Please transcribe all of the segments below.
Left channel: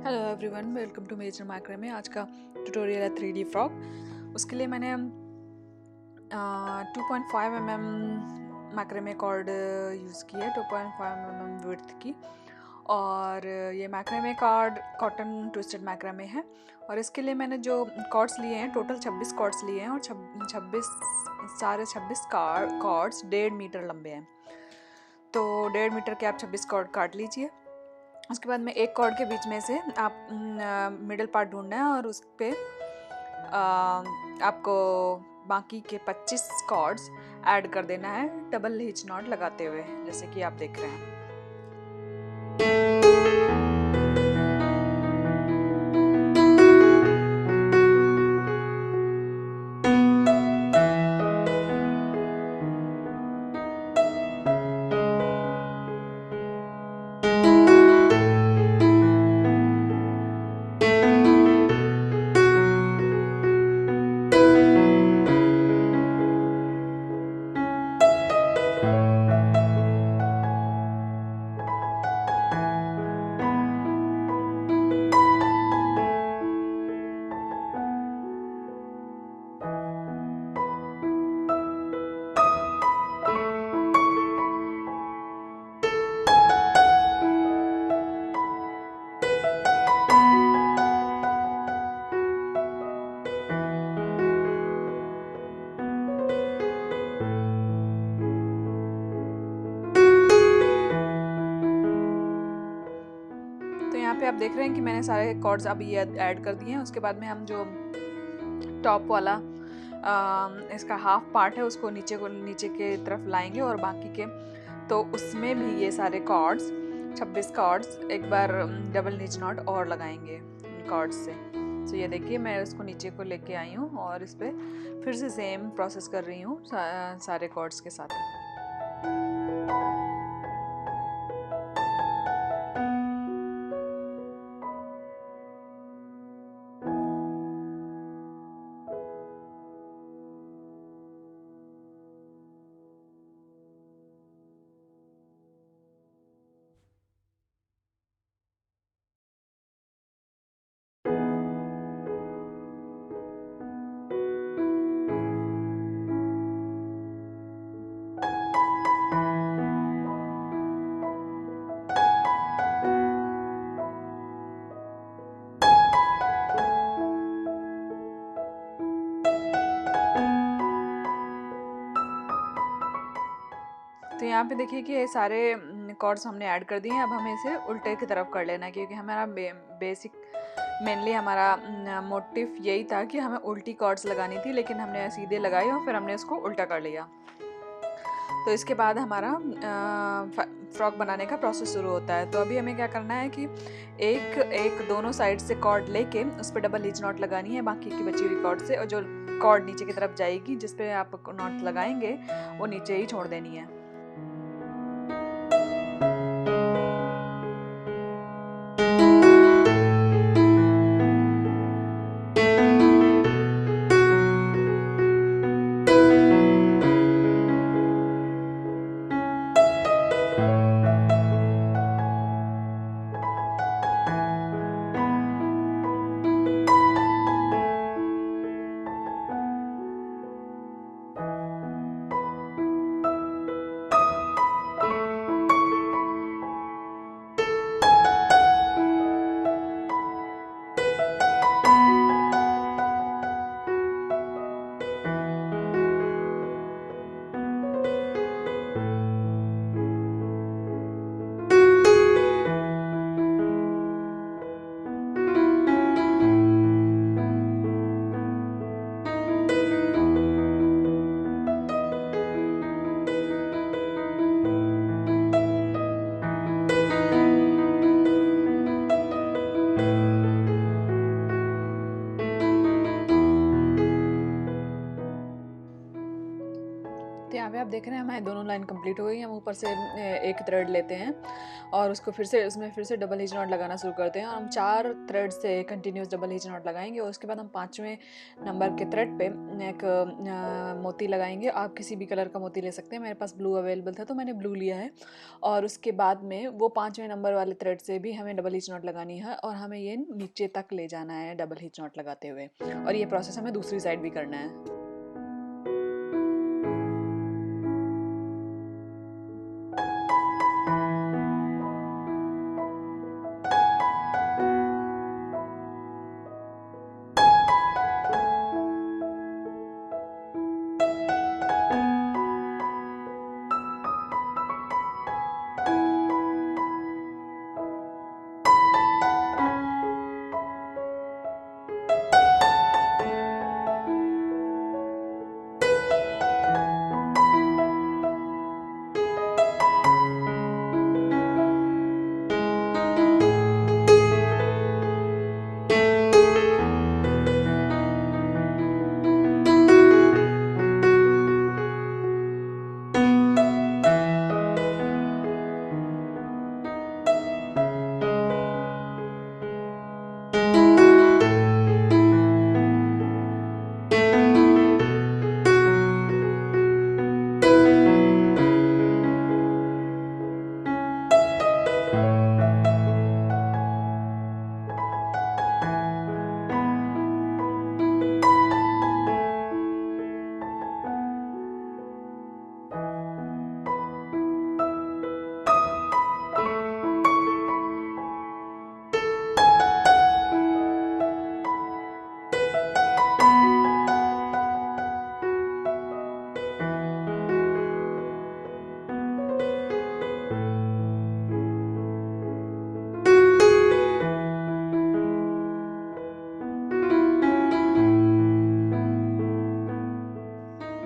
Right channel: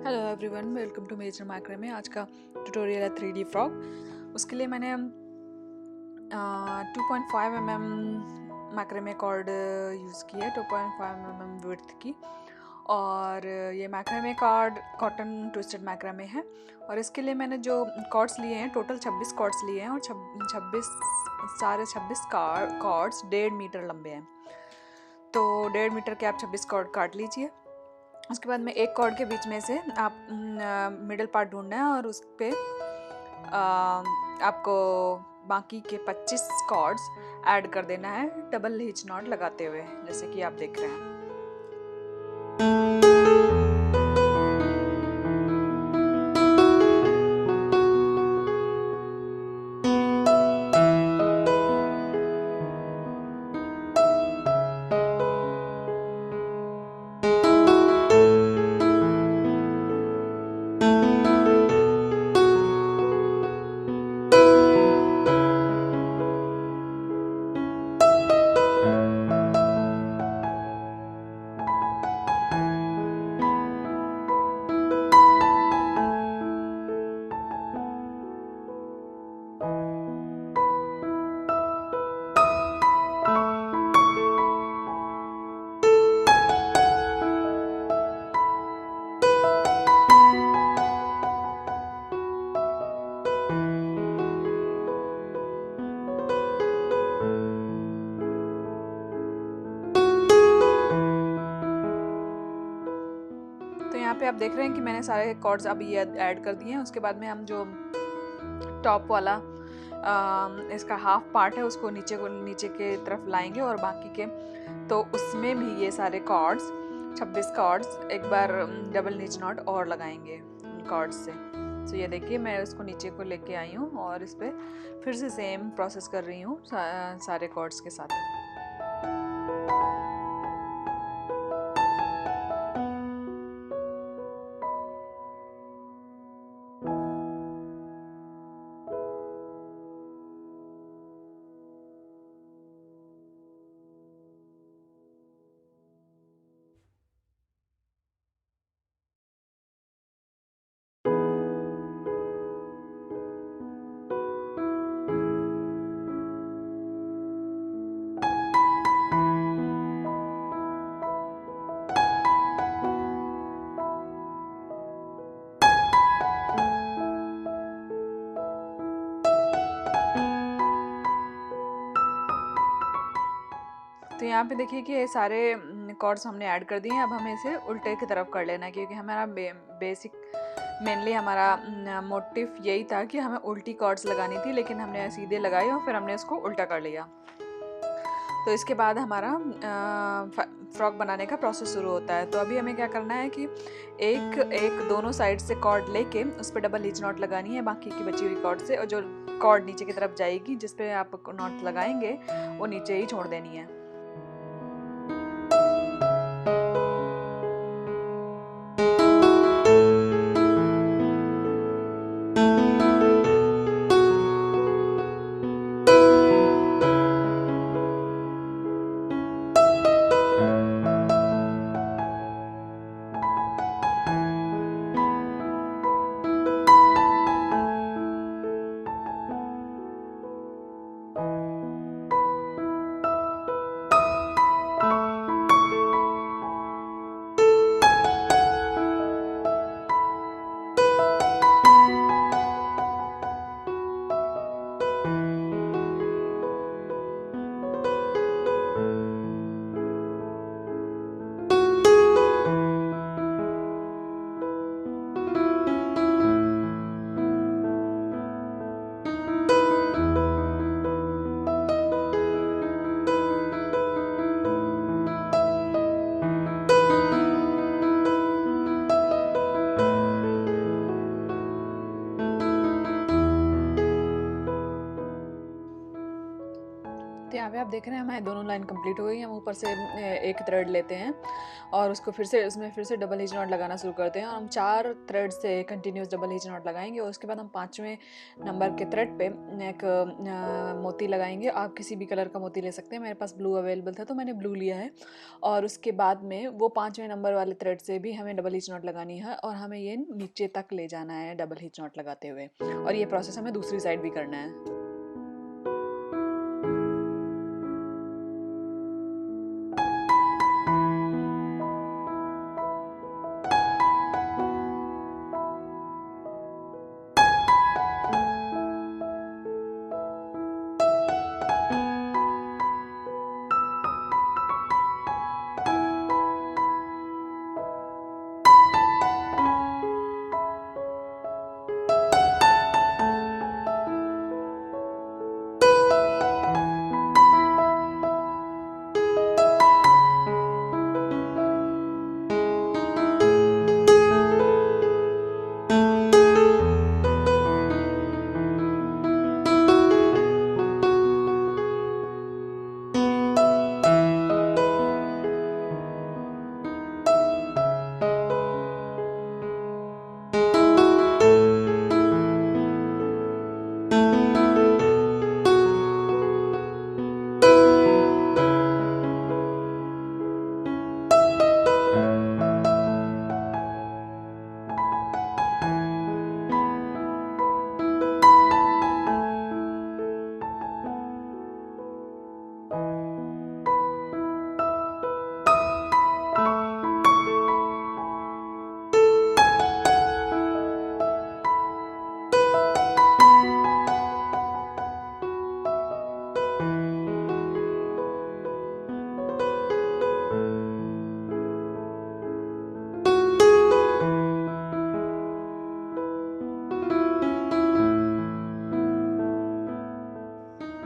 Hello everyone, welcome to major मैक्रे में। आज का ट्यूटोरियल है 3D फ्रॉक। उसके लिए मैंने 2.5 mm मैक्रे में कॉर्ड यूज़ की है, 2.5 mm विड्थ की। और ये मैक्रे में कॉर्ड कॉटन ट्विस्टेड मैक्रा में है। और इसके लिए मैंने जो कॉर्ड्स लिए हैं, टोटल 26 कॉर्ड्स लिए हैं और 26 कॉर्ड्स 1.5 मीटर लंबे हैं। तो 1.5 मीटर के आप 26 कॉर्ड काट लीजिए। उसके बाद में एक कॉर्ड के बीच में से आप मिडिल पार्ट ढूंढना है और उस पर आपको बाकी के 25 कॉर्ड्स ऐड कर देना है डबल हिच नॉट लगाते हुए, जैसे कि आप देख रहे हैं। तो यहाँ पे आप देख रहे हैं कि मैंने सारे कॉर्ड्स अब ये ऐड कर दिए हैं। उसके बाद में हम जो टॉप वाला इसका हाफ पार्ट है उसको नीचे के तरफ लाएंगे और बाकी के तो उसमें भी ये सारे कॉर्ड्स 26 कॉर्ड्स एक बार डबल निच नॉट और लगाएंगे उन कॉर्ड्स से। तो ये देखिए मैं उसको नीचे को लेके आई हूँ और इस पर फिर से सेम प्रोसेस कर रही हूँ सारे कॉर्ड्स के साथ। तो यहाँ पे देखिए कि ये सारे कॉर्ड्स हमने ऐड कर दिए हैं। अब हमें इसे उल्टे की तरफ कर लेना है, क्योंकि हमारा बेसिक मेनली हमारा मोटिव यही था कि हमें उल्टी कॉर्ड्स लगानी थी, लेकिन हमने सीधे लगाई और फिर हमने इसको उल्टा कर लिया। तो इसके बाद हमारा फ्रॉक बनाने का प्रोसेस शुरू होता है। तो अभी हमें क्या करना है कि एक एक दोनों साइड से कॉर्ड लेके उस पर डबल हिच नॉट लगानी है बाकी की बची हुई कॉर्ड से, और जो कॉर्ड नीचे की तरफ जाएगी जिस पे आप नॉट लगाएंगे वो नीचे ही छोड़ देनी है। यहाँ पे आप देख रहे हैं हमारे दोनों लाइन कंप्लीट हो गई। हम ऊपर से एक थ्रेड लेते हैं और उसको फिर से डबल हिच नॉट लगाना शुरू करते हैं और हम 4 थ्रेड से कंटिन्यूस डबल हिच नॉट लगाएंगे और उसके बाद हम 5वें नंबर के थ्रेड पे एक मोती लगाएंगे। आप किसी भी कलर का मोती ले सकते हैं, मेरे पास ब्लू अवेलेबल था तो मैंने ब्लू लिया है। और उसके बाद में वो 5वें नंबर वाले थ्रेड से भी हमें डबल हिच नॉट लगानी है और हमें ये नीचे तक ले जाना है डबल हिच नॉट लगाते हुए, और ये प्रोसेस हमें दूसरी साइड भी करना है।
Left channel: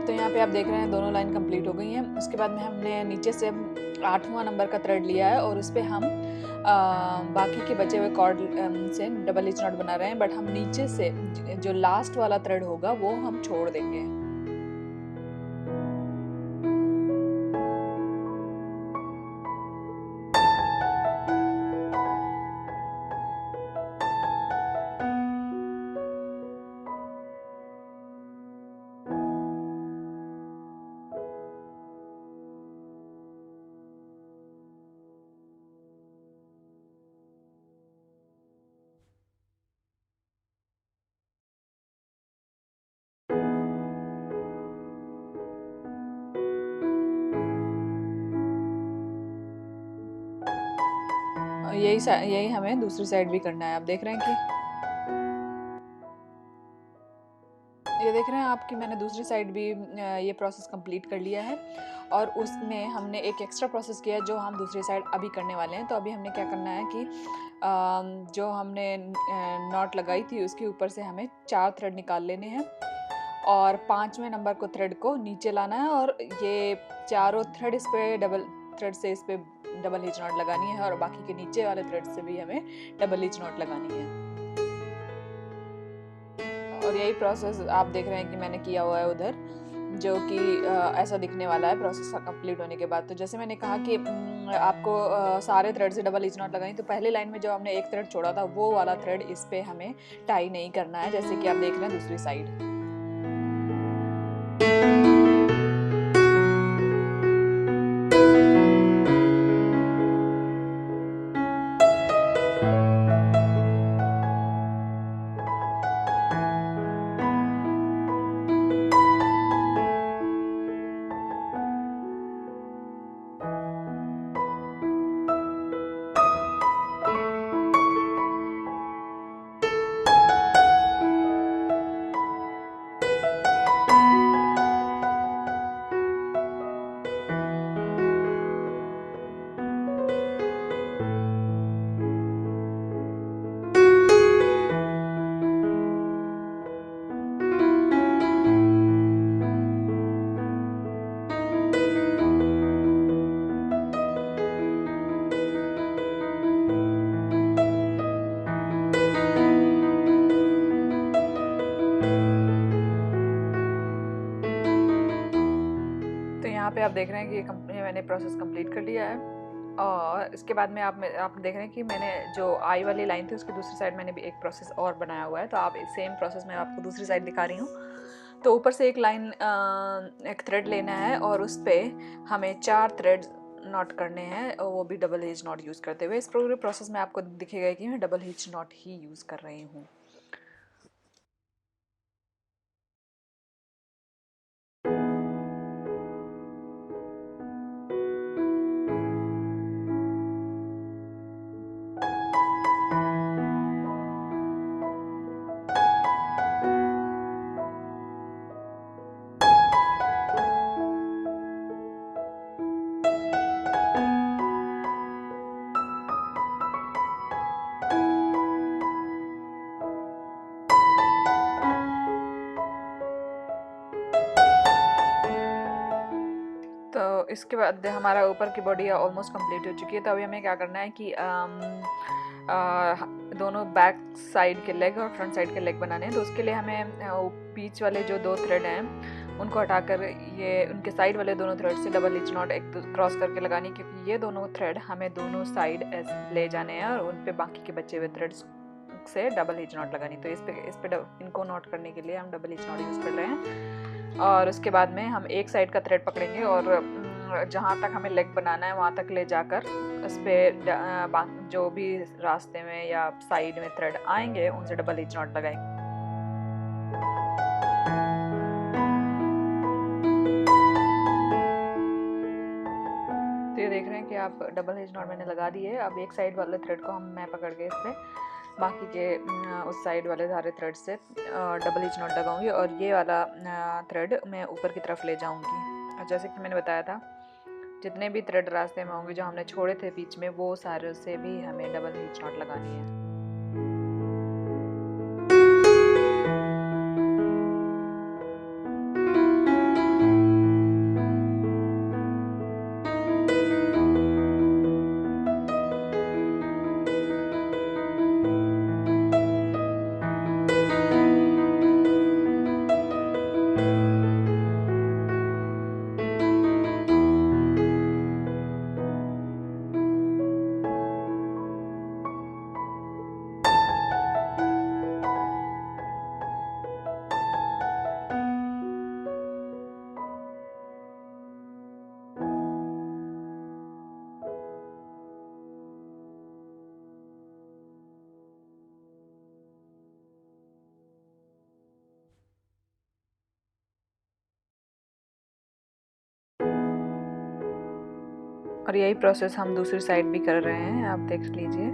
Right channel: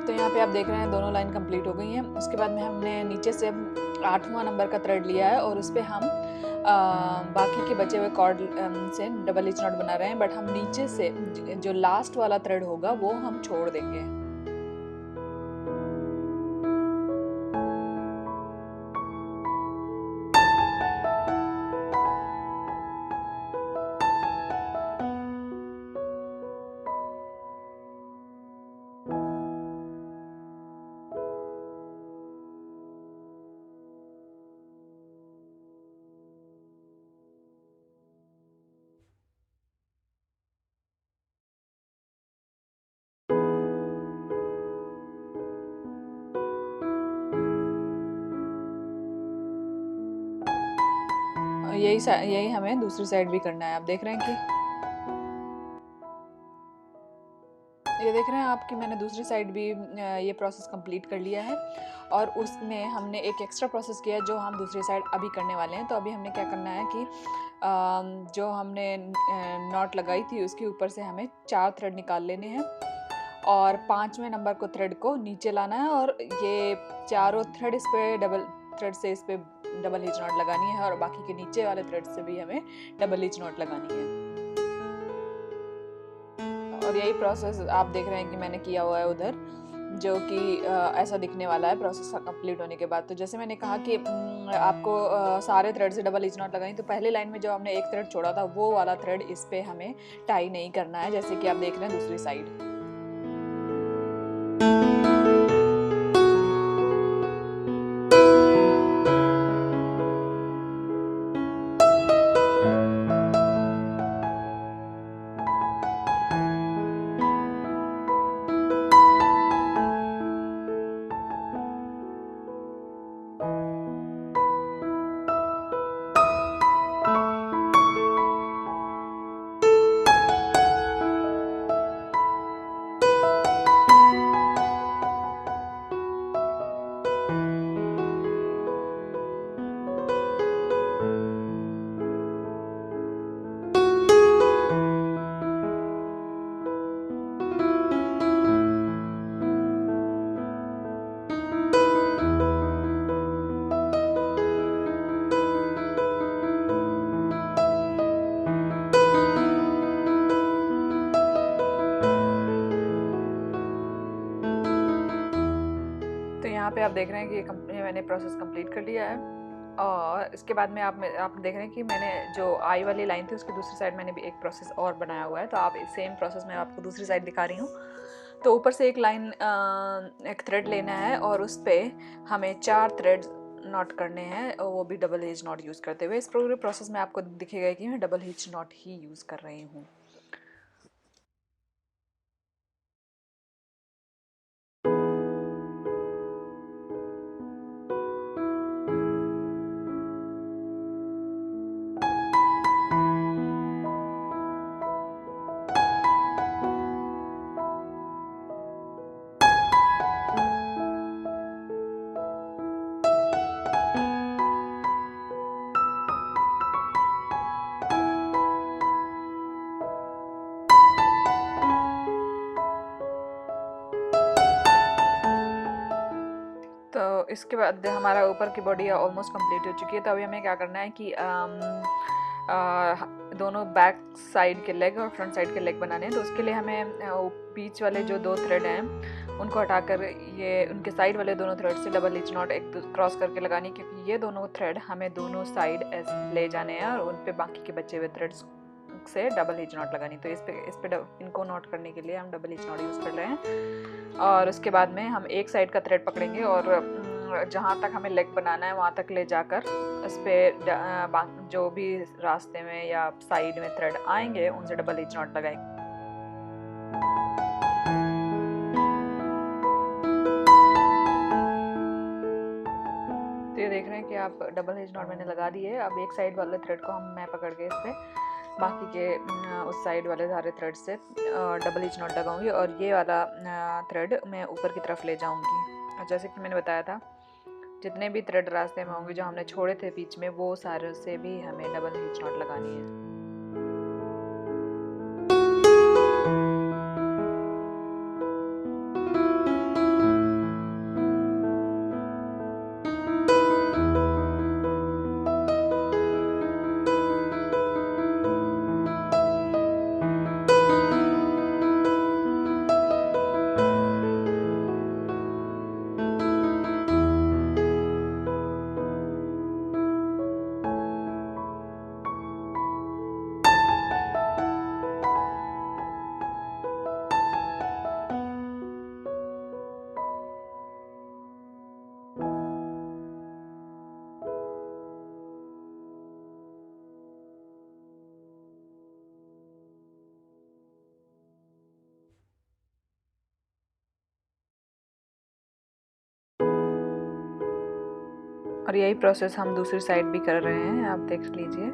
तो यहाँ पे आप देख रहे हैं दोनों लाइन कंप्लीट हो गई हैं। उसके बाद में हमने नीचे से 8वां नंबर का थ्रेड लिया है और उस पर हम बाकी के बचे हुए कॉर्ड से डबल हिच नॉट बना रहे हैं, बट हम नीचे से जो लास्ट वाला थ्रेड होगा वो हम छोड़ देंगे। यही हमें दूसरी साइड भी करना है। आप देख रहे हैं कि ये देख रहे हैं आप कि मैंने दूसरी साइड भी ये प्रोसेस कंप्लीट कर लिया है और उसमें हमने एक एक्स्ट्रा प्रोसेस किया है जो हम दूसरी साइड अभी करने वाले हैं। तो अभी हमने क्या करना है कि जो हमने नॉट लगाई थी उसके ऊपर से हमें 4 थ्रेड निकाल लेने हैं और 5वें नंबर को थ्रेड को नीचे लाना है और ये चारों थ्रेड इस पे डबल हिच नॉट लगानी है और बाकी के नीचे वाले थ्रेड से भी हमें डबल हिच नॉट लगानी है। और यही प्रोसेस आप देख रहे हैं कि मैंने किया हुआ है उधर, जो कि ऐसा दिखने वाला है प्रोसेस कंप्लीट होने के बाद। तो जैसे मैंने कहा कि आपको सारे थ्रेड से डबल हिच नॉट लगानी, तो पहले लाइन में जो हमने एक थ्रेड छोड़ा था वो वाला थ्रेड इस पे हमें टाई नहीं करना है, जैसे कि आप देख रहे हैं दूसरी साइड। पे आप देख रहे हैं कि ये मैंने प्रोसेस कंप्लीट कर लिया है। और इसके बाद में आप देख रहे हैं कि मैंने जो आई वाली लाइन थी उसकी दूसरी साइड मैंने भी एक प्रोसेस और बनाया हुआ है। तो आप सेम प्रोसेस मैं आपको दूसरी साइड दिखा रही हूँ। तो ऊपर से एक लाइन एक थ्रेड लेना है और उस पर हमें 4 थ्रेड नॉट करने हैं, और वो भी डबल हिच नॉट यूज़ करते हुए। इस पूरे प्रोसेस में आपको दिखेगा कि मैं double hitch not he use कर रही हूँ। तो इसके बाद हमारा ऊपर की बॉडी ऑलमोस्ट कंप्लीट हो चुकी है। तो अभी हमें क्या करना है कि दोनों बैक साइड के लेग और फ्रंट साइड के लेग बनाने हैं। तो उसके लिए हमें बीच वाले जो 2 थ्रेड हैं उनको हटाकर ये उनके साइड वाले दोनों थ्रेड से डबल हिच नॉट एक क्रॉस करके लगानी, क्योंकि ये दोनों थ्रेड हमें दोनों साइड ले जाने हैं और उन पे बाकी के बचे हुए थ्रेड्स से डबल हिच नॉट लगानी। तो इस पे इनको नॉट करने के लिए हम डबल हिच नॉट यूज़ कर रहे हैं। और उसके बाद में हम एक साइड का थ्रेड पकड़ेंगे और जहाँ तक हमें लेग बनाना है वहाँ तक ले जाकर उस पर जो भी रास्ते में या साइड में थ्रेड आएंगे उनसे डबल हिच नॉट लगाएंगे। तो ये देख रहे हैं कि आप डबल हिच नॉट मैंने लगा दी है। अब एक साइड वाले थ्रेड को मैं पकड़ के इस पर बाकी के उस साइड वाले सारे थ्रेड से डबल हिच नॉट लगाऊंगी और ये वाला थ्रेड मैं ऊपर की तरफ ले जाऊंगी। और जैसे कि मैंने बताया था, जितने भी थ्रेड रास्ते में होंगे जो हमने छोड़े थे बीच में, वो सारे से भी हमें डबल हिच नॉट लगानी है। और यही प्रोसेस हम दूसरी साइड भी कर रहे हैं, आप देख लीजिए।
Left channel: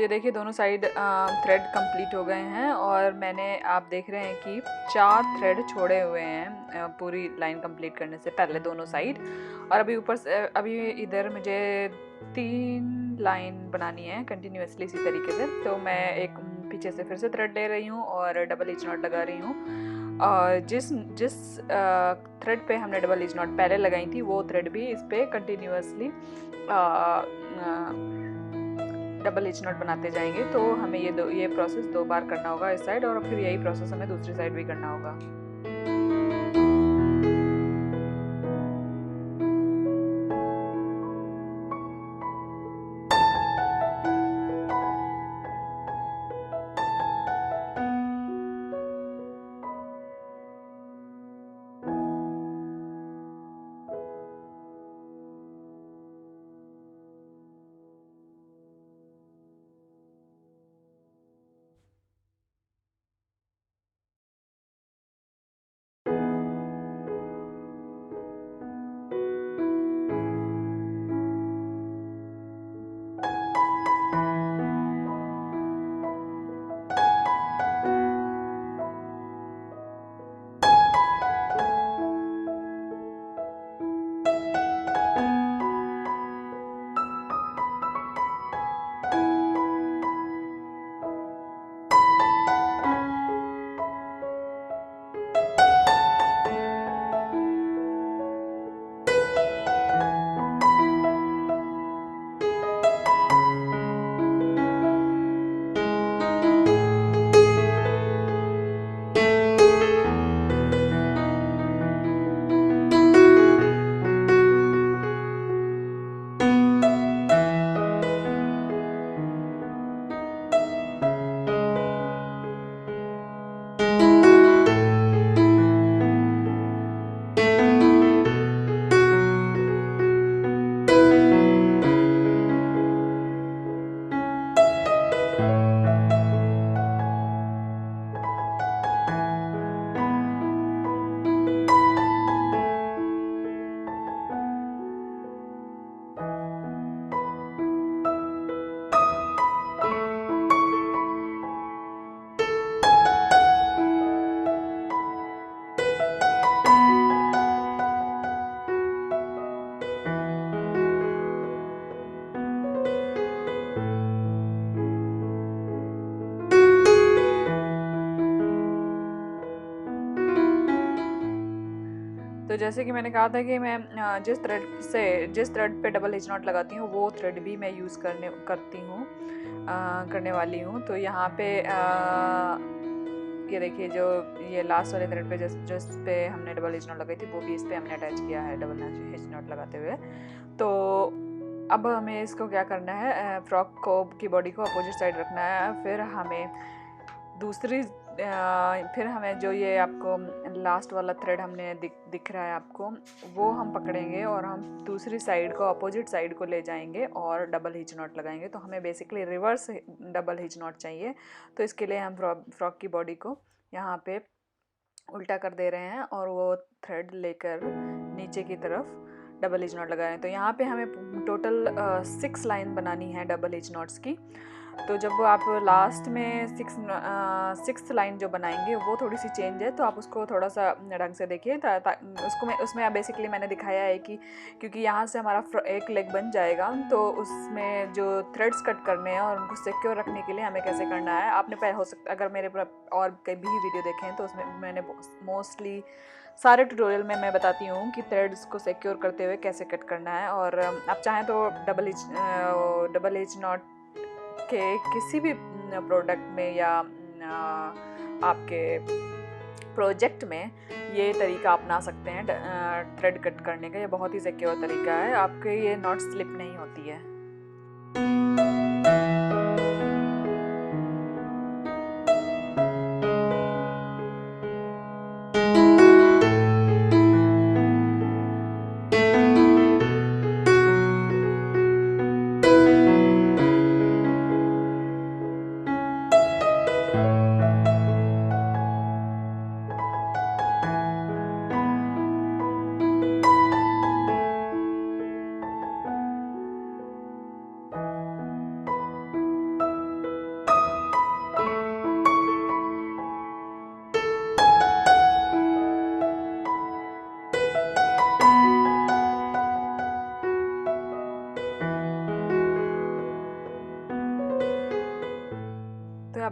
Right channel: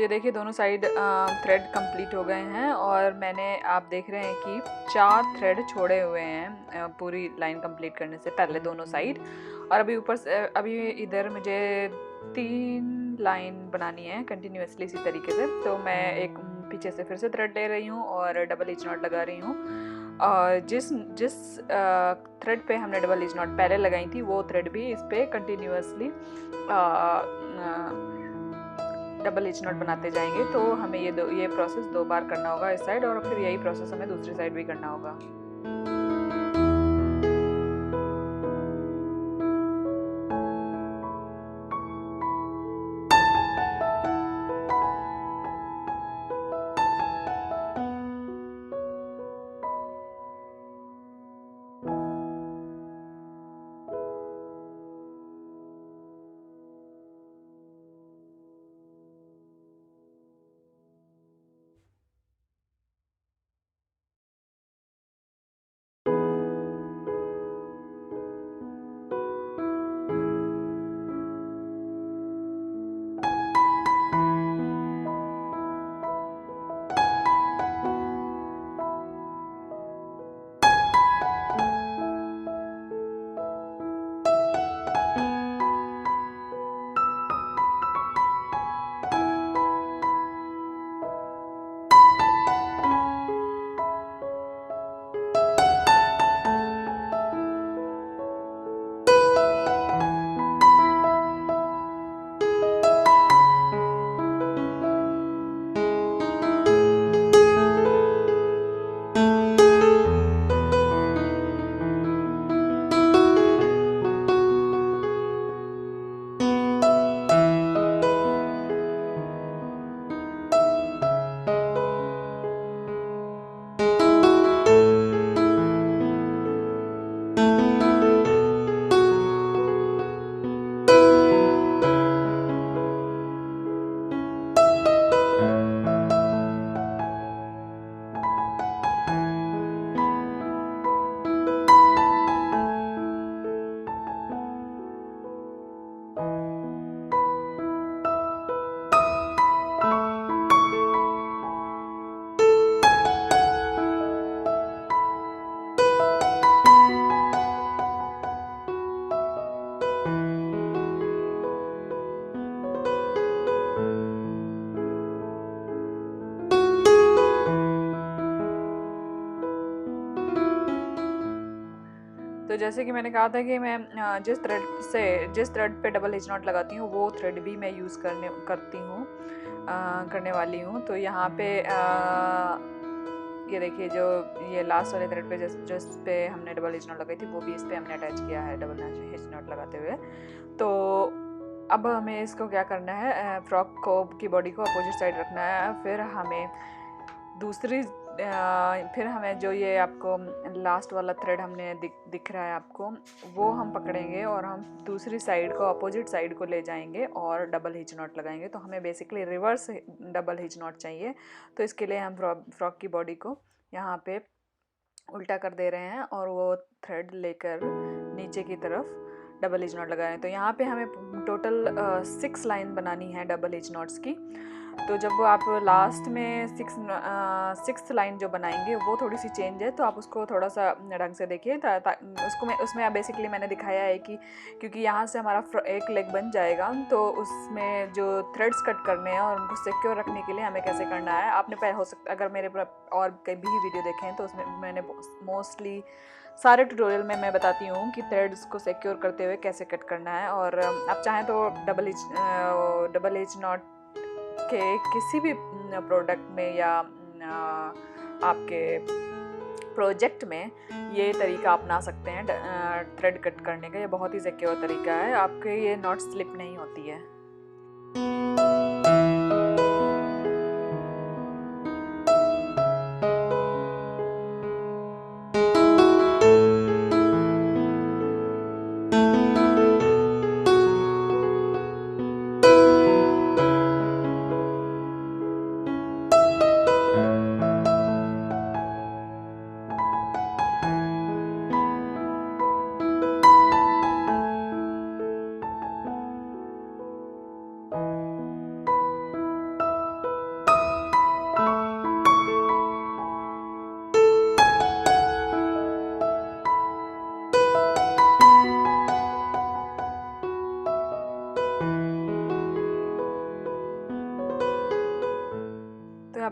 तो ये देखिए दोनों साइड थ्रेड कंप्लीट हो गए हैं और मैंने आप देख रहे हैं कि 4 थ्रेड छोड़े हुए हैं पूरी लाइन कंप्लीट करने से पहले दोनों साइड। और अभी ऊपर से अभी इधर मुझे 3 लाइन बनानी है कंटिन्यूअसली इसी तरीके से। तो मैं एक पीछे से फिर से थ्रेड ले रही हूँ और डबल एज नॉट लगा रही हूँ। और जिस जिस थ्रेड पे हमने डबल एज नॉट पहले लगाई थी वो थ्रेड भी इस पे कंटिन्यूअसली डबल एज नॉट बनाते जाएंगे। तो हमें ये प्रोसेस 2 बार करना होगा इस साइड और फिर यही प्रोसेस हमें दूसरी साइड भी करना होगा। तो जैसे कि मैंने कहा था कि मैं जिस थ्रेड पे डबल एज नॉट लगाती हूँ वो थ्रेड भी मैं यूज़ करने वाली हूँ। तो यहाँ पे ये देखिए जो ये लास्ट वाले थ्रेड पे जिस पे हमने डबल एज नॉट लगाई थी वो भी इस पे हमने अटैच किया है डबल एज नॉट लगाते हुए। तो अब हमें इसको क्या करना है, फ्रॉक को की बॉडी को अपोजिट साइड रखना है। फिर हमें जो ये आपको लास्ट वाला थ्रेड हमने दिख रहा है आपको, वो हम पकड़ेंगे और हम दूसरी साइड को अपोजिट साइड को ले जाएंगे और डबल हिच नॉट लगाएंगे। तो हमें basically reverse double hitch not चाहिए। तो इसके लिए हम फ्रॉक की बॉडी को यहाँ पे उल्टा कर दे रहे हैं और वो थ्रेड लेकर नीचे की तरफ डबल एज नॉट लगा रहे हैं। तो यहाँ पे हमें टोटल 6 लाइन बनानी है डबल एज नॉट्स की। तो जब आप लास्ट में 6th लाइन जो बनाएंगे वो थोड़ी सी चेंज है, तो आप उसको थोड़ा सा ढंग से देखिए। उसमें बेसिकली मैंने दिखाया है कि क्योंकि यहाँ से हमारा एक लेग बन जाएगा, तो उसमें जो थ्रेड्स कट करने हैं और उनको सिक्योर रखने के लिए हमें कैसे करना है, आपने हो सकता अगर मेरे और कभी वीडियो देखे हैं तो उसमें मैंने मोस्टली सारे ट्यूटोरियल में मैं बताती हूँ कि थ्रेड्स को सिक्योर करते हुए कैसे कट करना है। और आप चाहें तो डबल एज नॉट के किसी भी प्रोडक्ट में या आपके प्रोजेक्ट में ये तरीका अपना सकते हैं थ्रेड कट करने का। ये बहुत ही सिक्योर तरीका है, आपके ये नॉट स्लिप नहीं होती है।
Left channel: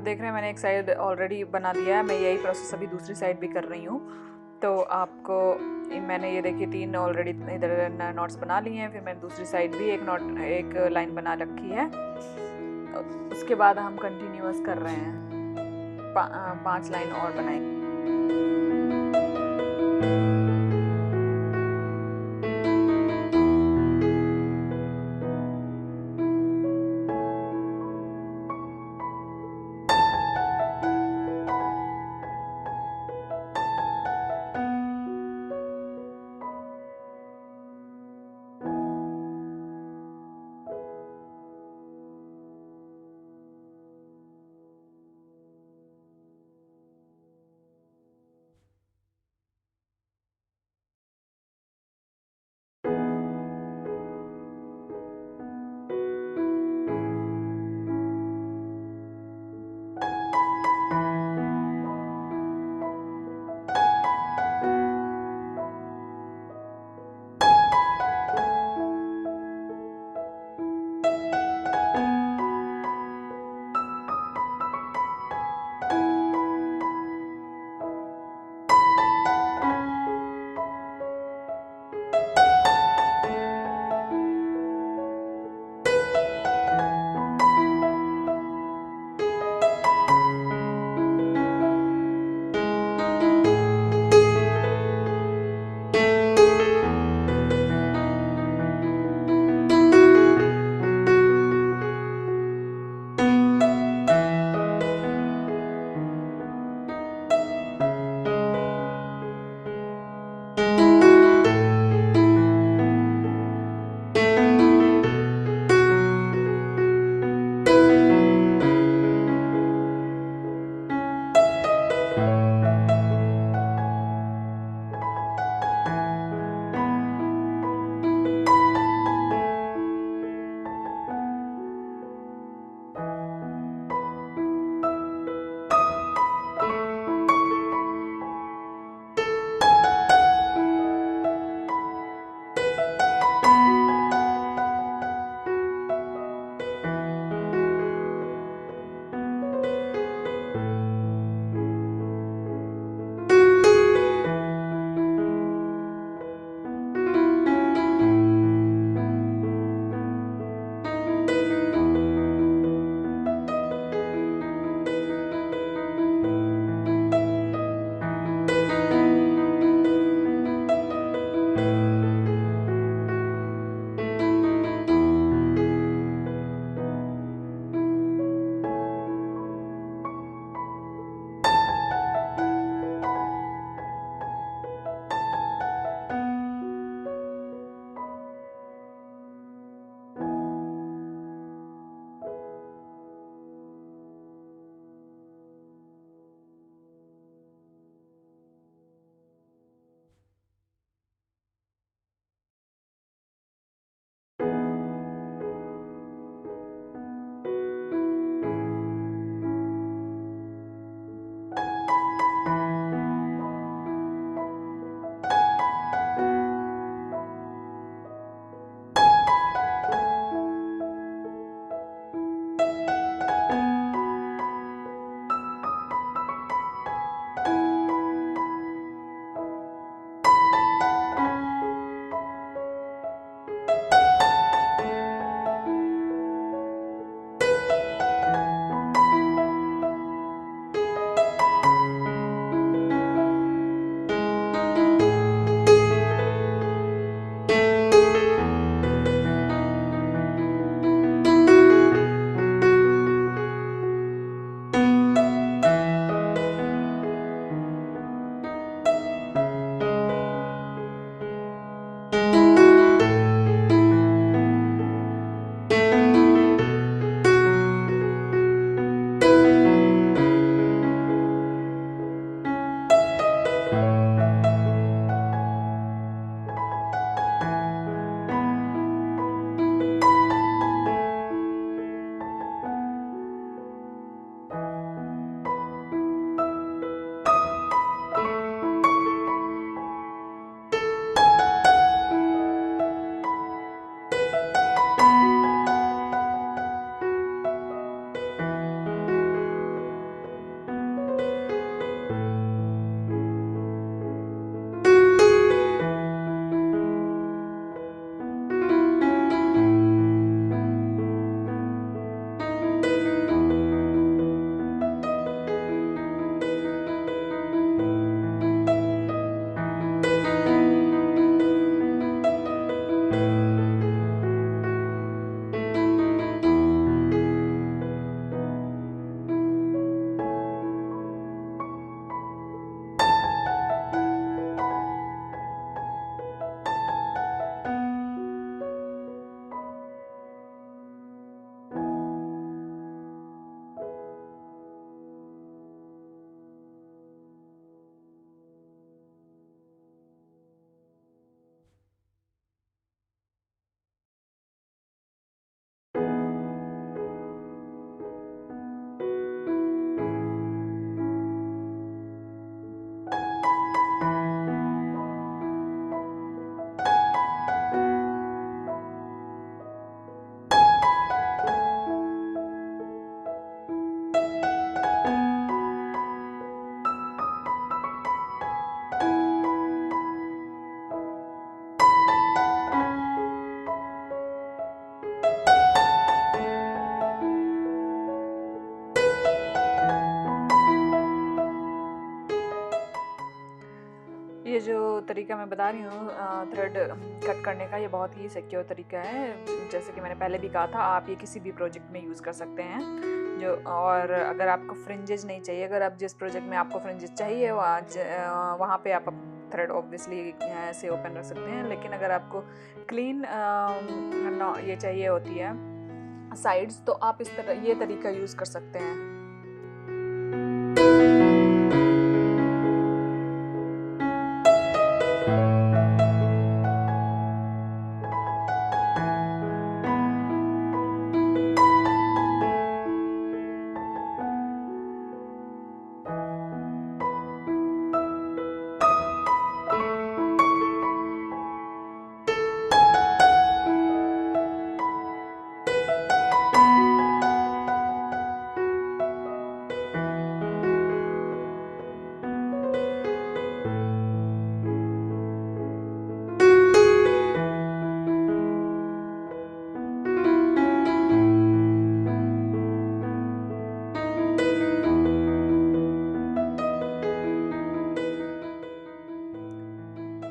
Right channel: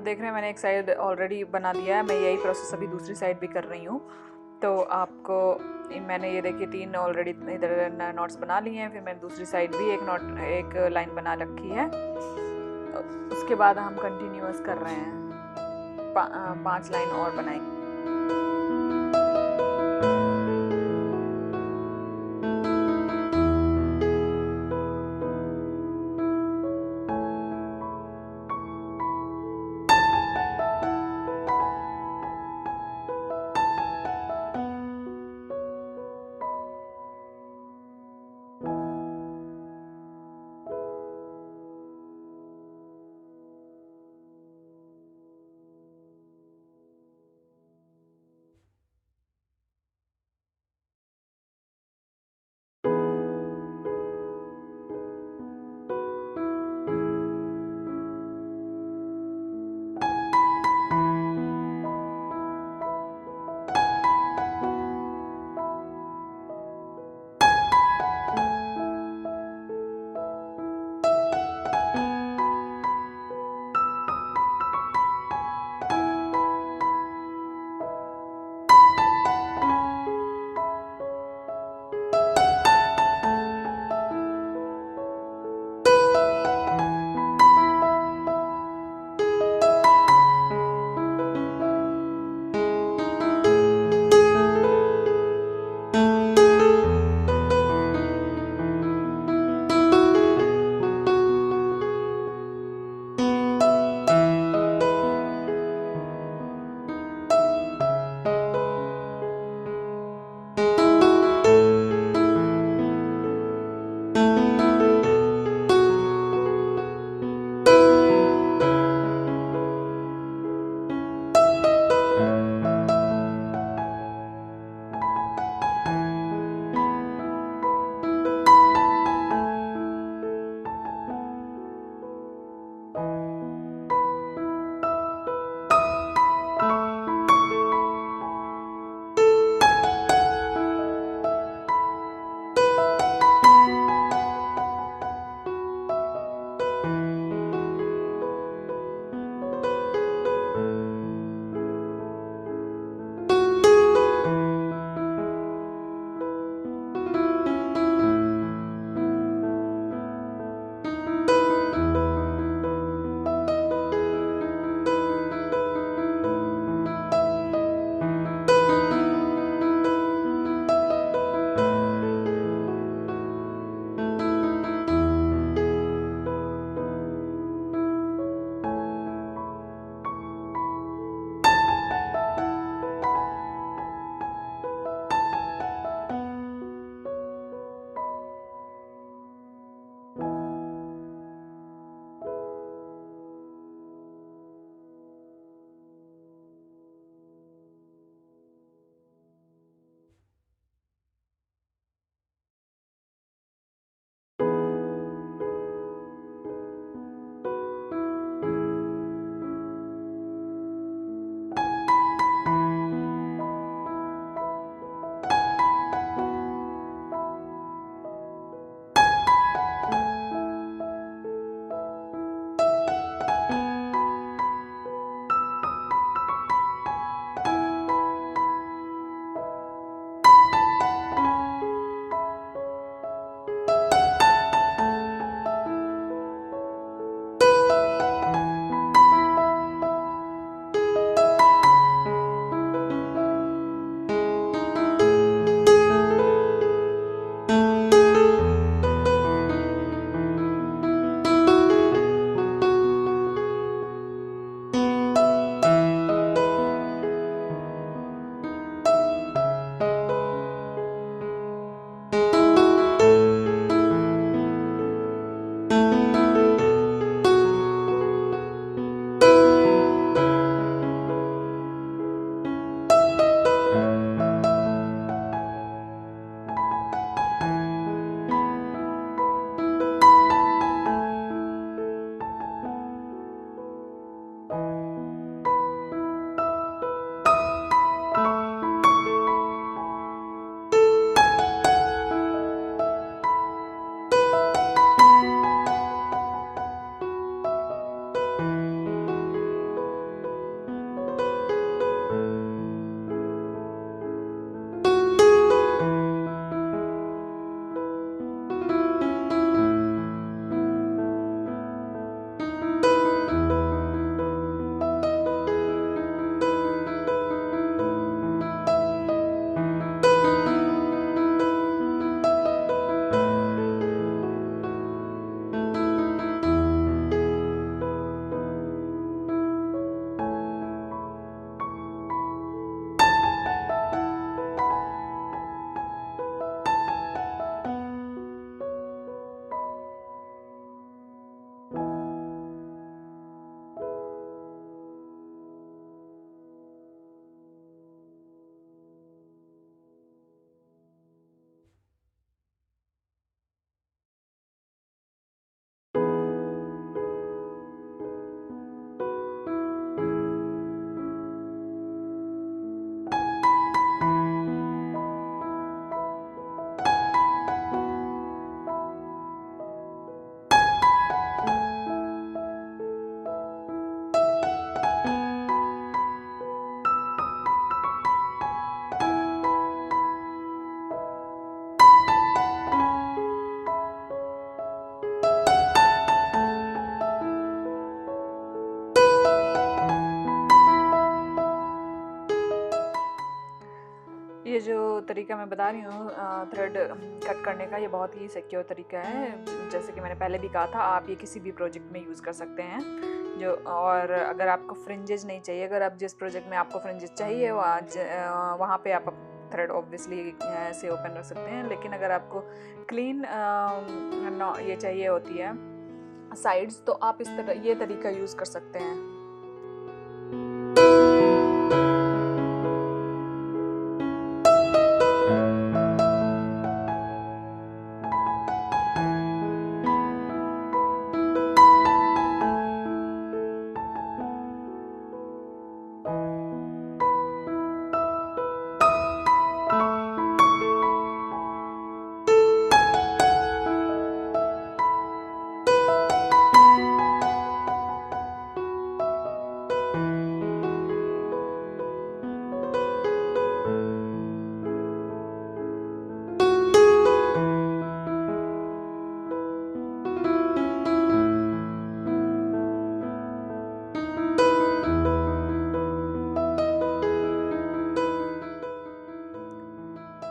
देख रहे हैं मैंने एक साइड ऑलरेडी बना दिया है, मैं यही प्रोसेस अभी दूसरी साइड भी कर रही हूँ। तो आपको मैंने ये देखिए 3 ऑलरेडी इधर नॉट्स बना लिए हैं, फिर मैंने दूसरी साइड भी एक लाइन बना रखी है। उसके बाद हम कंटिन्यूअस कर रहे हैं, 5 लाइन और बनाएंगे। जो तरीका मैं बता रही हूँ थ्रेड कट करने का, ये बहुत ही सिक्योर तरीका है। जैसे कि मैंने पहले भी कहा था, आप ये किसी भी प्रोजेक्ट में यूज़ कर सकते हैं। और अगर आपको फ्रिंजेस नहीं चाहिए, अगर आप जिस प्रोजेक्ट में आपको फ्रिंजेस चाहिए वहाँ पे आप थ्रेड ऑब्वियसली ऐसे ओपन रख सकते हैं। लेकिन अगर आपको क्लीन ये चाहिए होती है साइड्स, तो आप इस तरह ये तरीका यूज़ कर सकते हैं।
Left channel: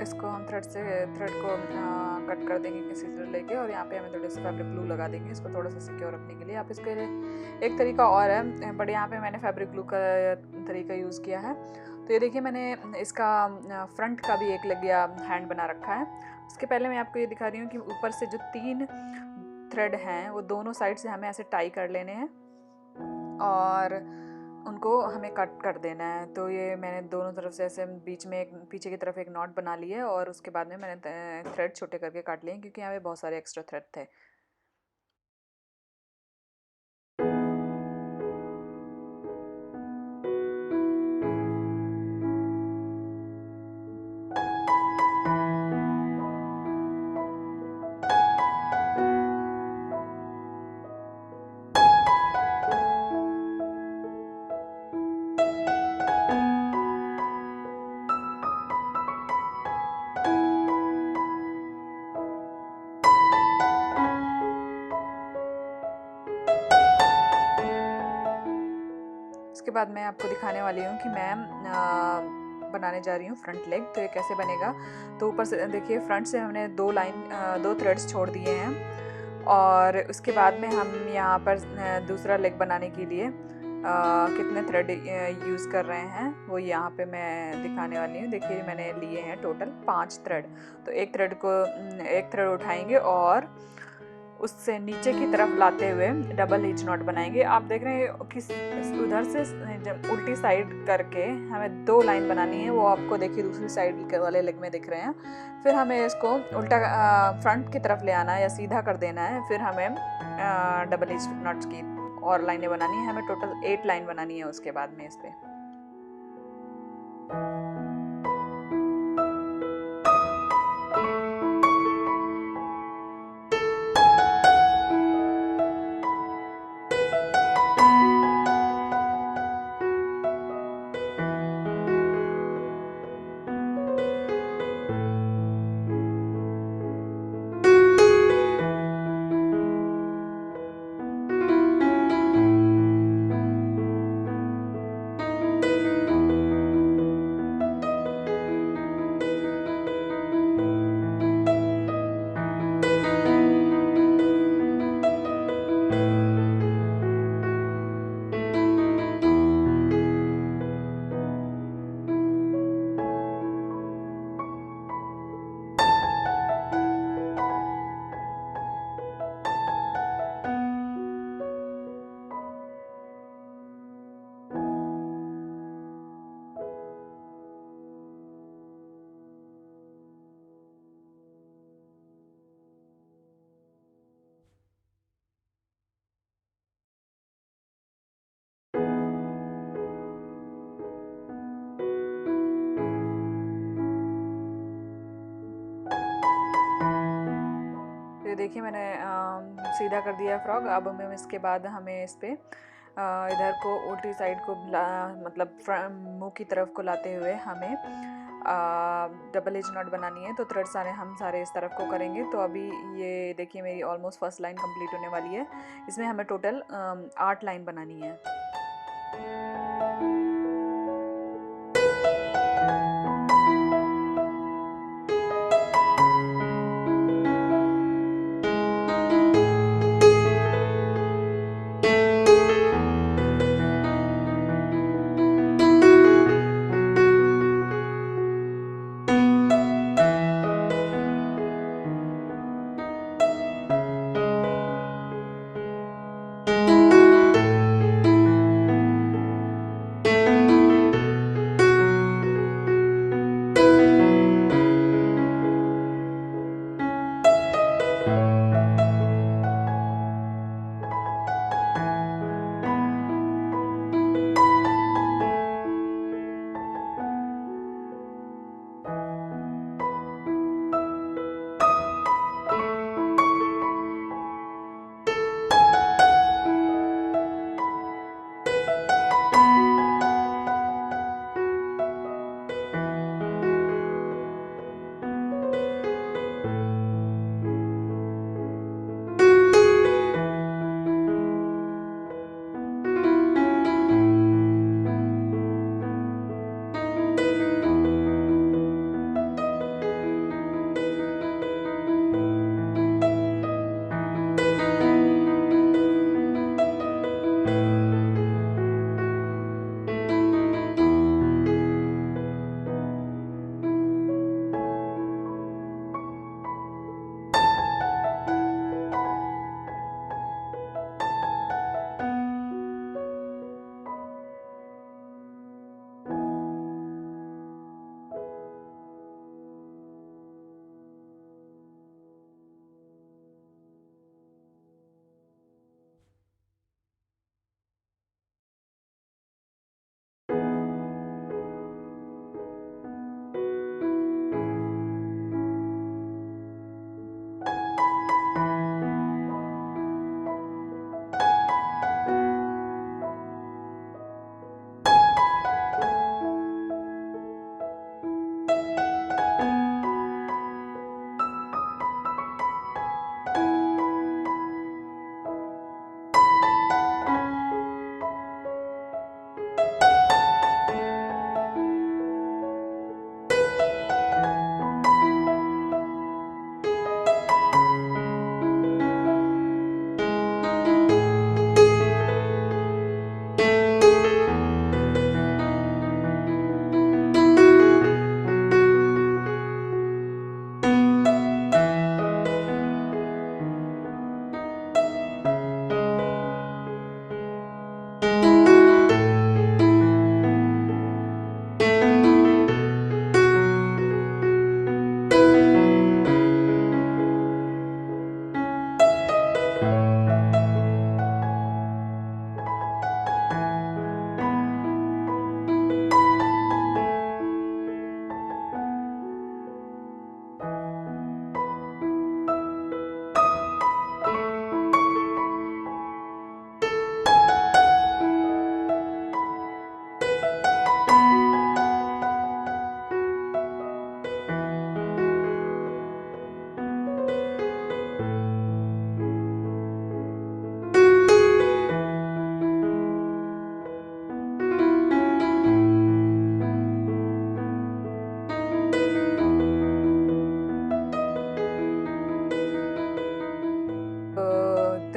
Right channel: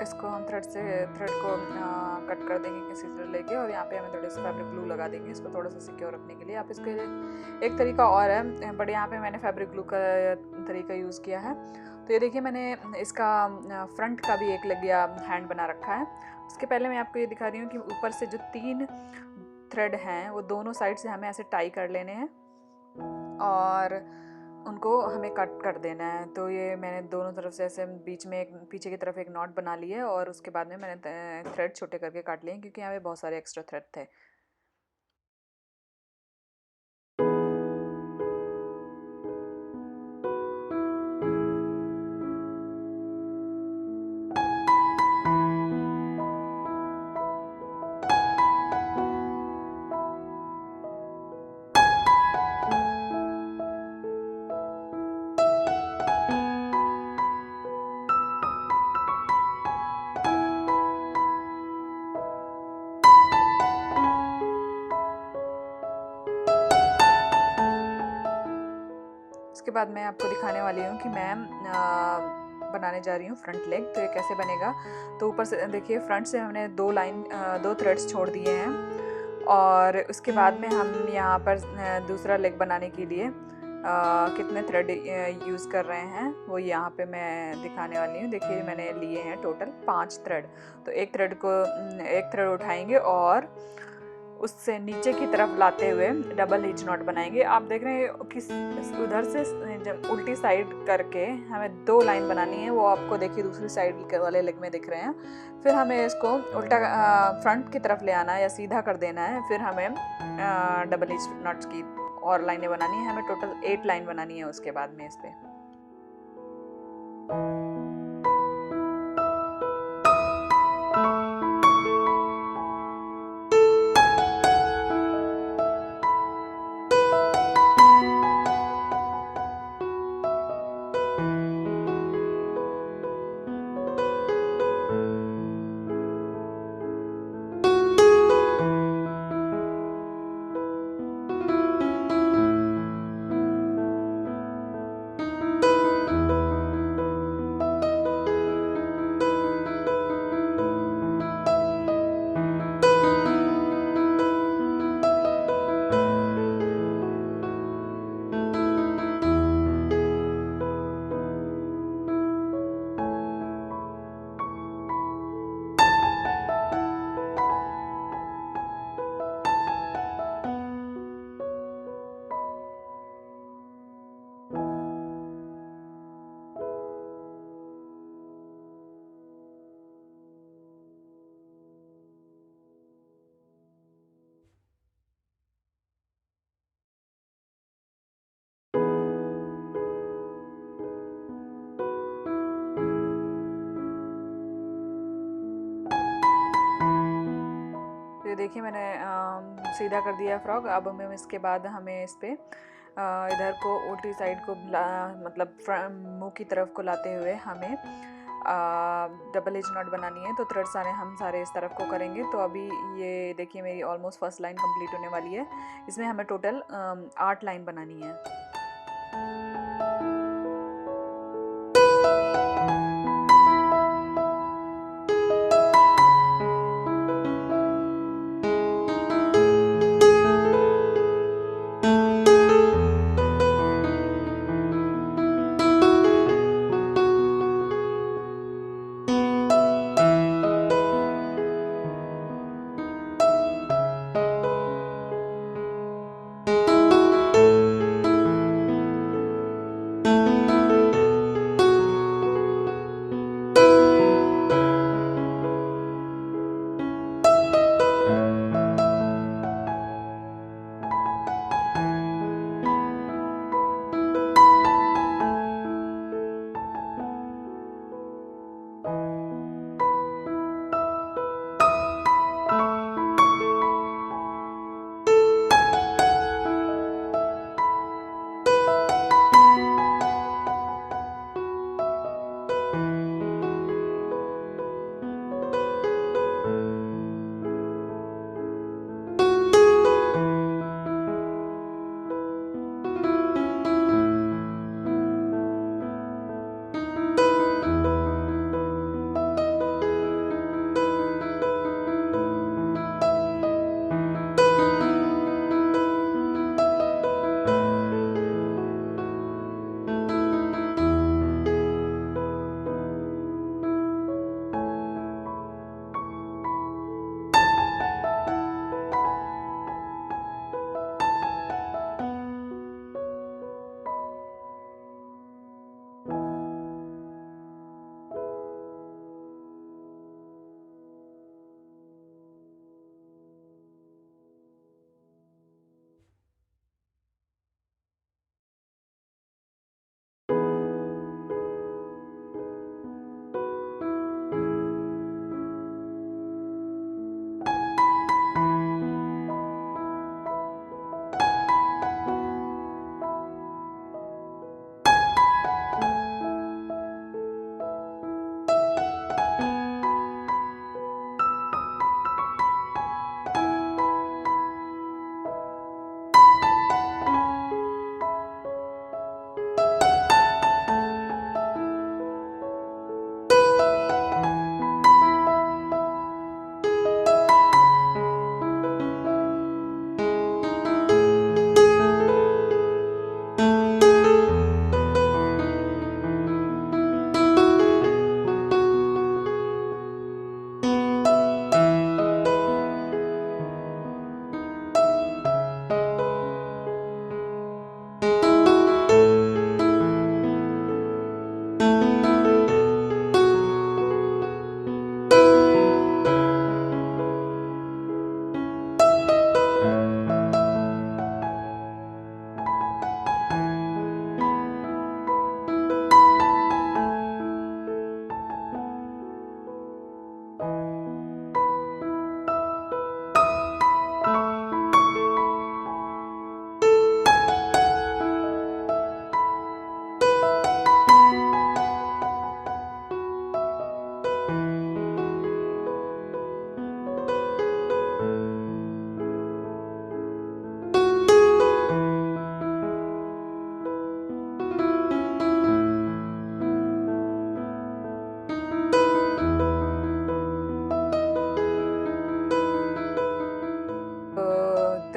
इसको हम थ्रेड को कट कर देंगे किसी से लेके, और यहाँ पे हमें थोड़े से फैब्रिक ग्लू लगा देंगे इसको थोड़ा सा सिक्योर रखने के लिए। आप इसके लिए एक तरीका और है, बट यहाँ पे मैंने फैब्रिक ग्लू का तरीका यूज़ किया है। तो ये देखिए, मैंने इसका फ्रंट का भी एक लगिया हैंड बना रखा है। उसके पहले मैं आपको ये दिखा रही हूँ कि ऊपर से जो 3 थ्रेड हैं वो दोनों साइड से हमें ऐसे टाई कर लेने हैं और उनको हमें कट कर देना है। तो ये मैंने दोनों तरफ से ऐसे बीच में एक पीछे की तरफ एक नॉट बना ली है, और उसके बाद में मैंने थ्रेड छोटे करके काट लिए क्योंकि यहाँ पे बहुत सारे एक्स्ट्रा थ्रेड थे। इसके बाद मैं आपको दिखाने वाली हूँ कि मैं बनाने जा रही हूँ फ्रंट लेग। तो ये कैसे बनेगा, तो ऊपर से देखिए फ्रंट से हमने 2 थ्रेड्स छोड़ दिए हैं, और उसके बाद में हम यहाँ पर दूसरा लेग बनाने के लिए कितने थ्रेड यूज़ कर रहे हैं वो यहाँ पे मैं दिखाने वाली हूँ। देखिए मैंने लिए हैं टोटल 5 थ्रेड। तो एक थ्रेड उठाएंगे और उससे नीचे की तरफ लाते हुए डबल हिच नॉट बनाएंगे। आप देख रहे हैं किस उधर से जब उल्टी साइड करके हमें 2 लाइन बनानी है, वो आपको देखिए दूसरी साइड वाले लेग में दिख रहे हैं। फिर हमें इसको उल्टा फ्रंट की तरफ ले आना है या सीधा कर देना है। फिर हमें डबल हिच नॉट्स की और लाइनें बनानी है। हमें टोटल 8 लाइन बनानी है उसके बाद में इस पर। तो देखिए मैंने सीधा कर दिया फ्रॉक। अब हमें इसके बाद हमें इस पर इधर को उल्टी साइड को मतलब मुंह की तरफ को लाते हुए हमें डबल एज नॉट बनानी है। तो थ्रेड हम सारे इस तरफ को करेंगे। तो अभी ये देखिए मेरी ऑलमोस्ट फर्स्ट लाइन कंप्लीट होने वाली है। इसमें हमें टोटल 8 लाइन बनानी है।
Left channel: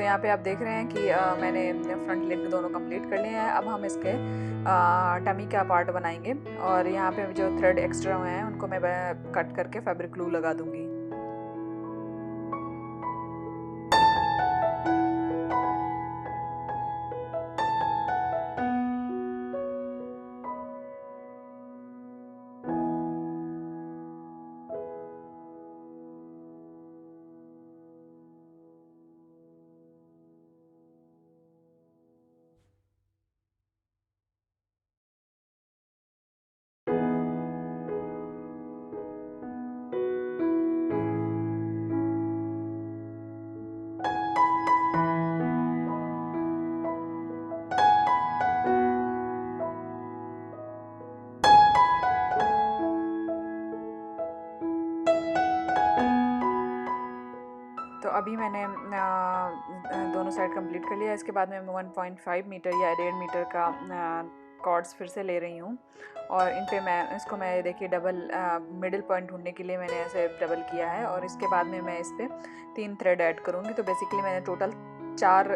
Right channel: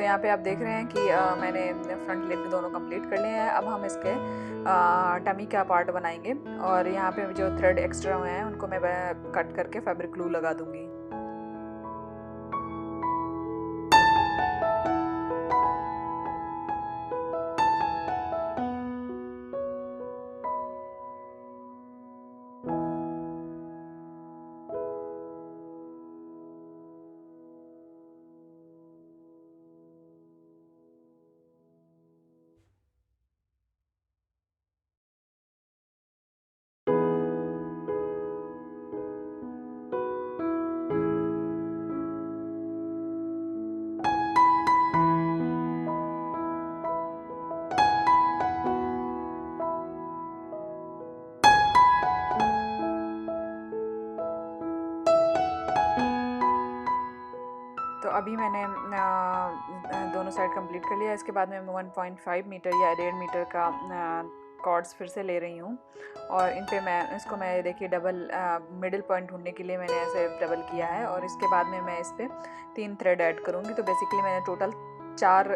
तो यहाँ पे आप देख रहे हैं कि मैंने फ्रंट लेग दोनों कंप्लीट कर लिए हैं। अब हम इसके टमी का पार्ट बनाएंगे और यहाँ पे जो थ्रेड एक्स्ट्रा हुए हैं उनको मैं कट करके फैब्रिक ग्लू लगा दूंगी। तो अभी मैंने दोनों साइड कंप्लीट कर लिया। इसके बाद मैं 1.5 मीटर या 1.5 मीटर का कॉर्ड्स फिर से ले रही हूँ और इन पे मैं देखिए डबल मिडिल पॉइंट ढूंढने के लिए मैंने ऐसे डबल किया है और इसके बाद में मैं इस पर 3 थ्रेड ऐड करूँगी। तो बेसिकली मैंने टोटल 4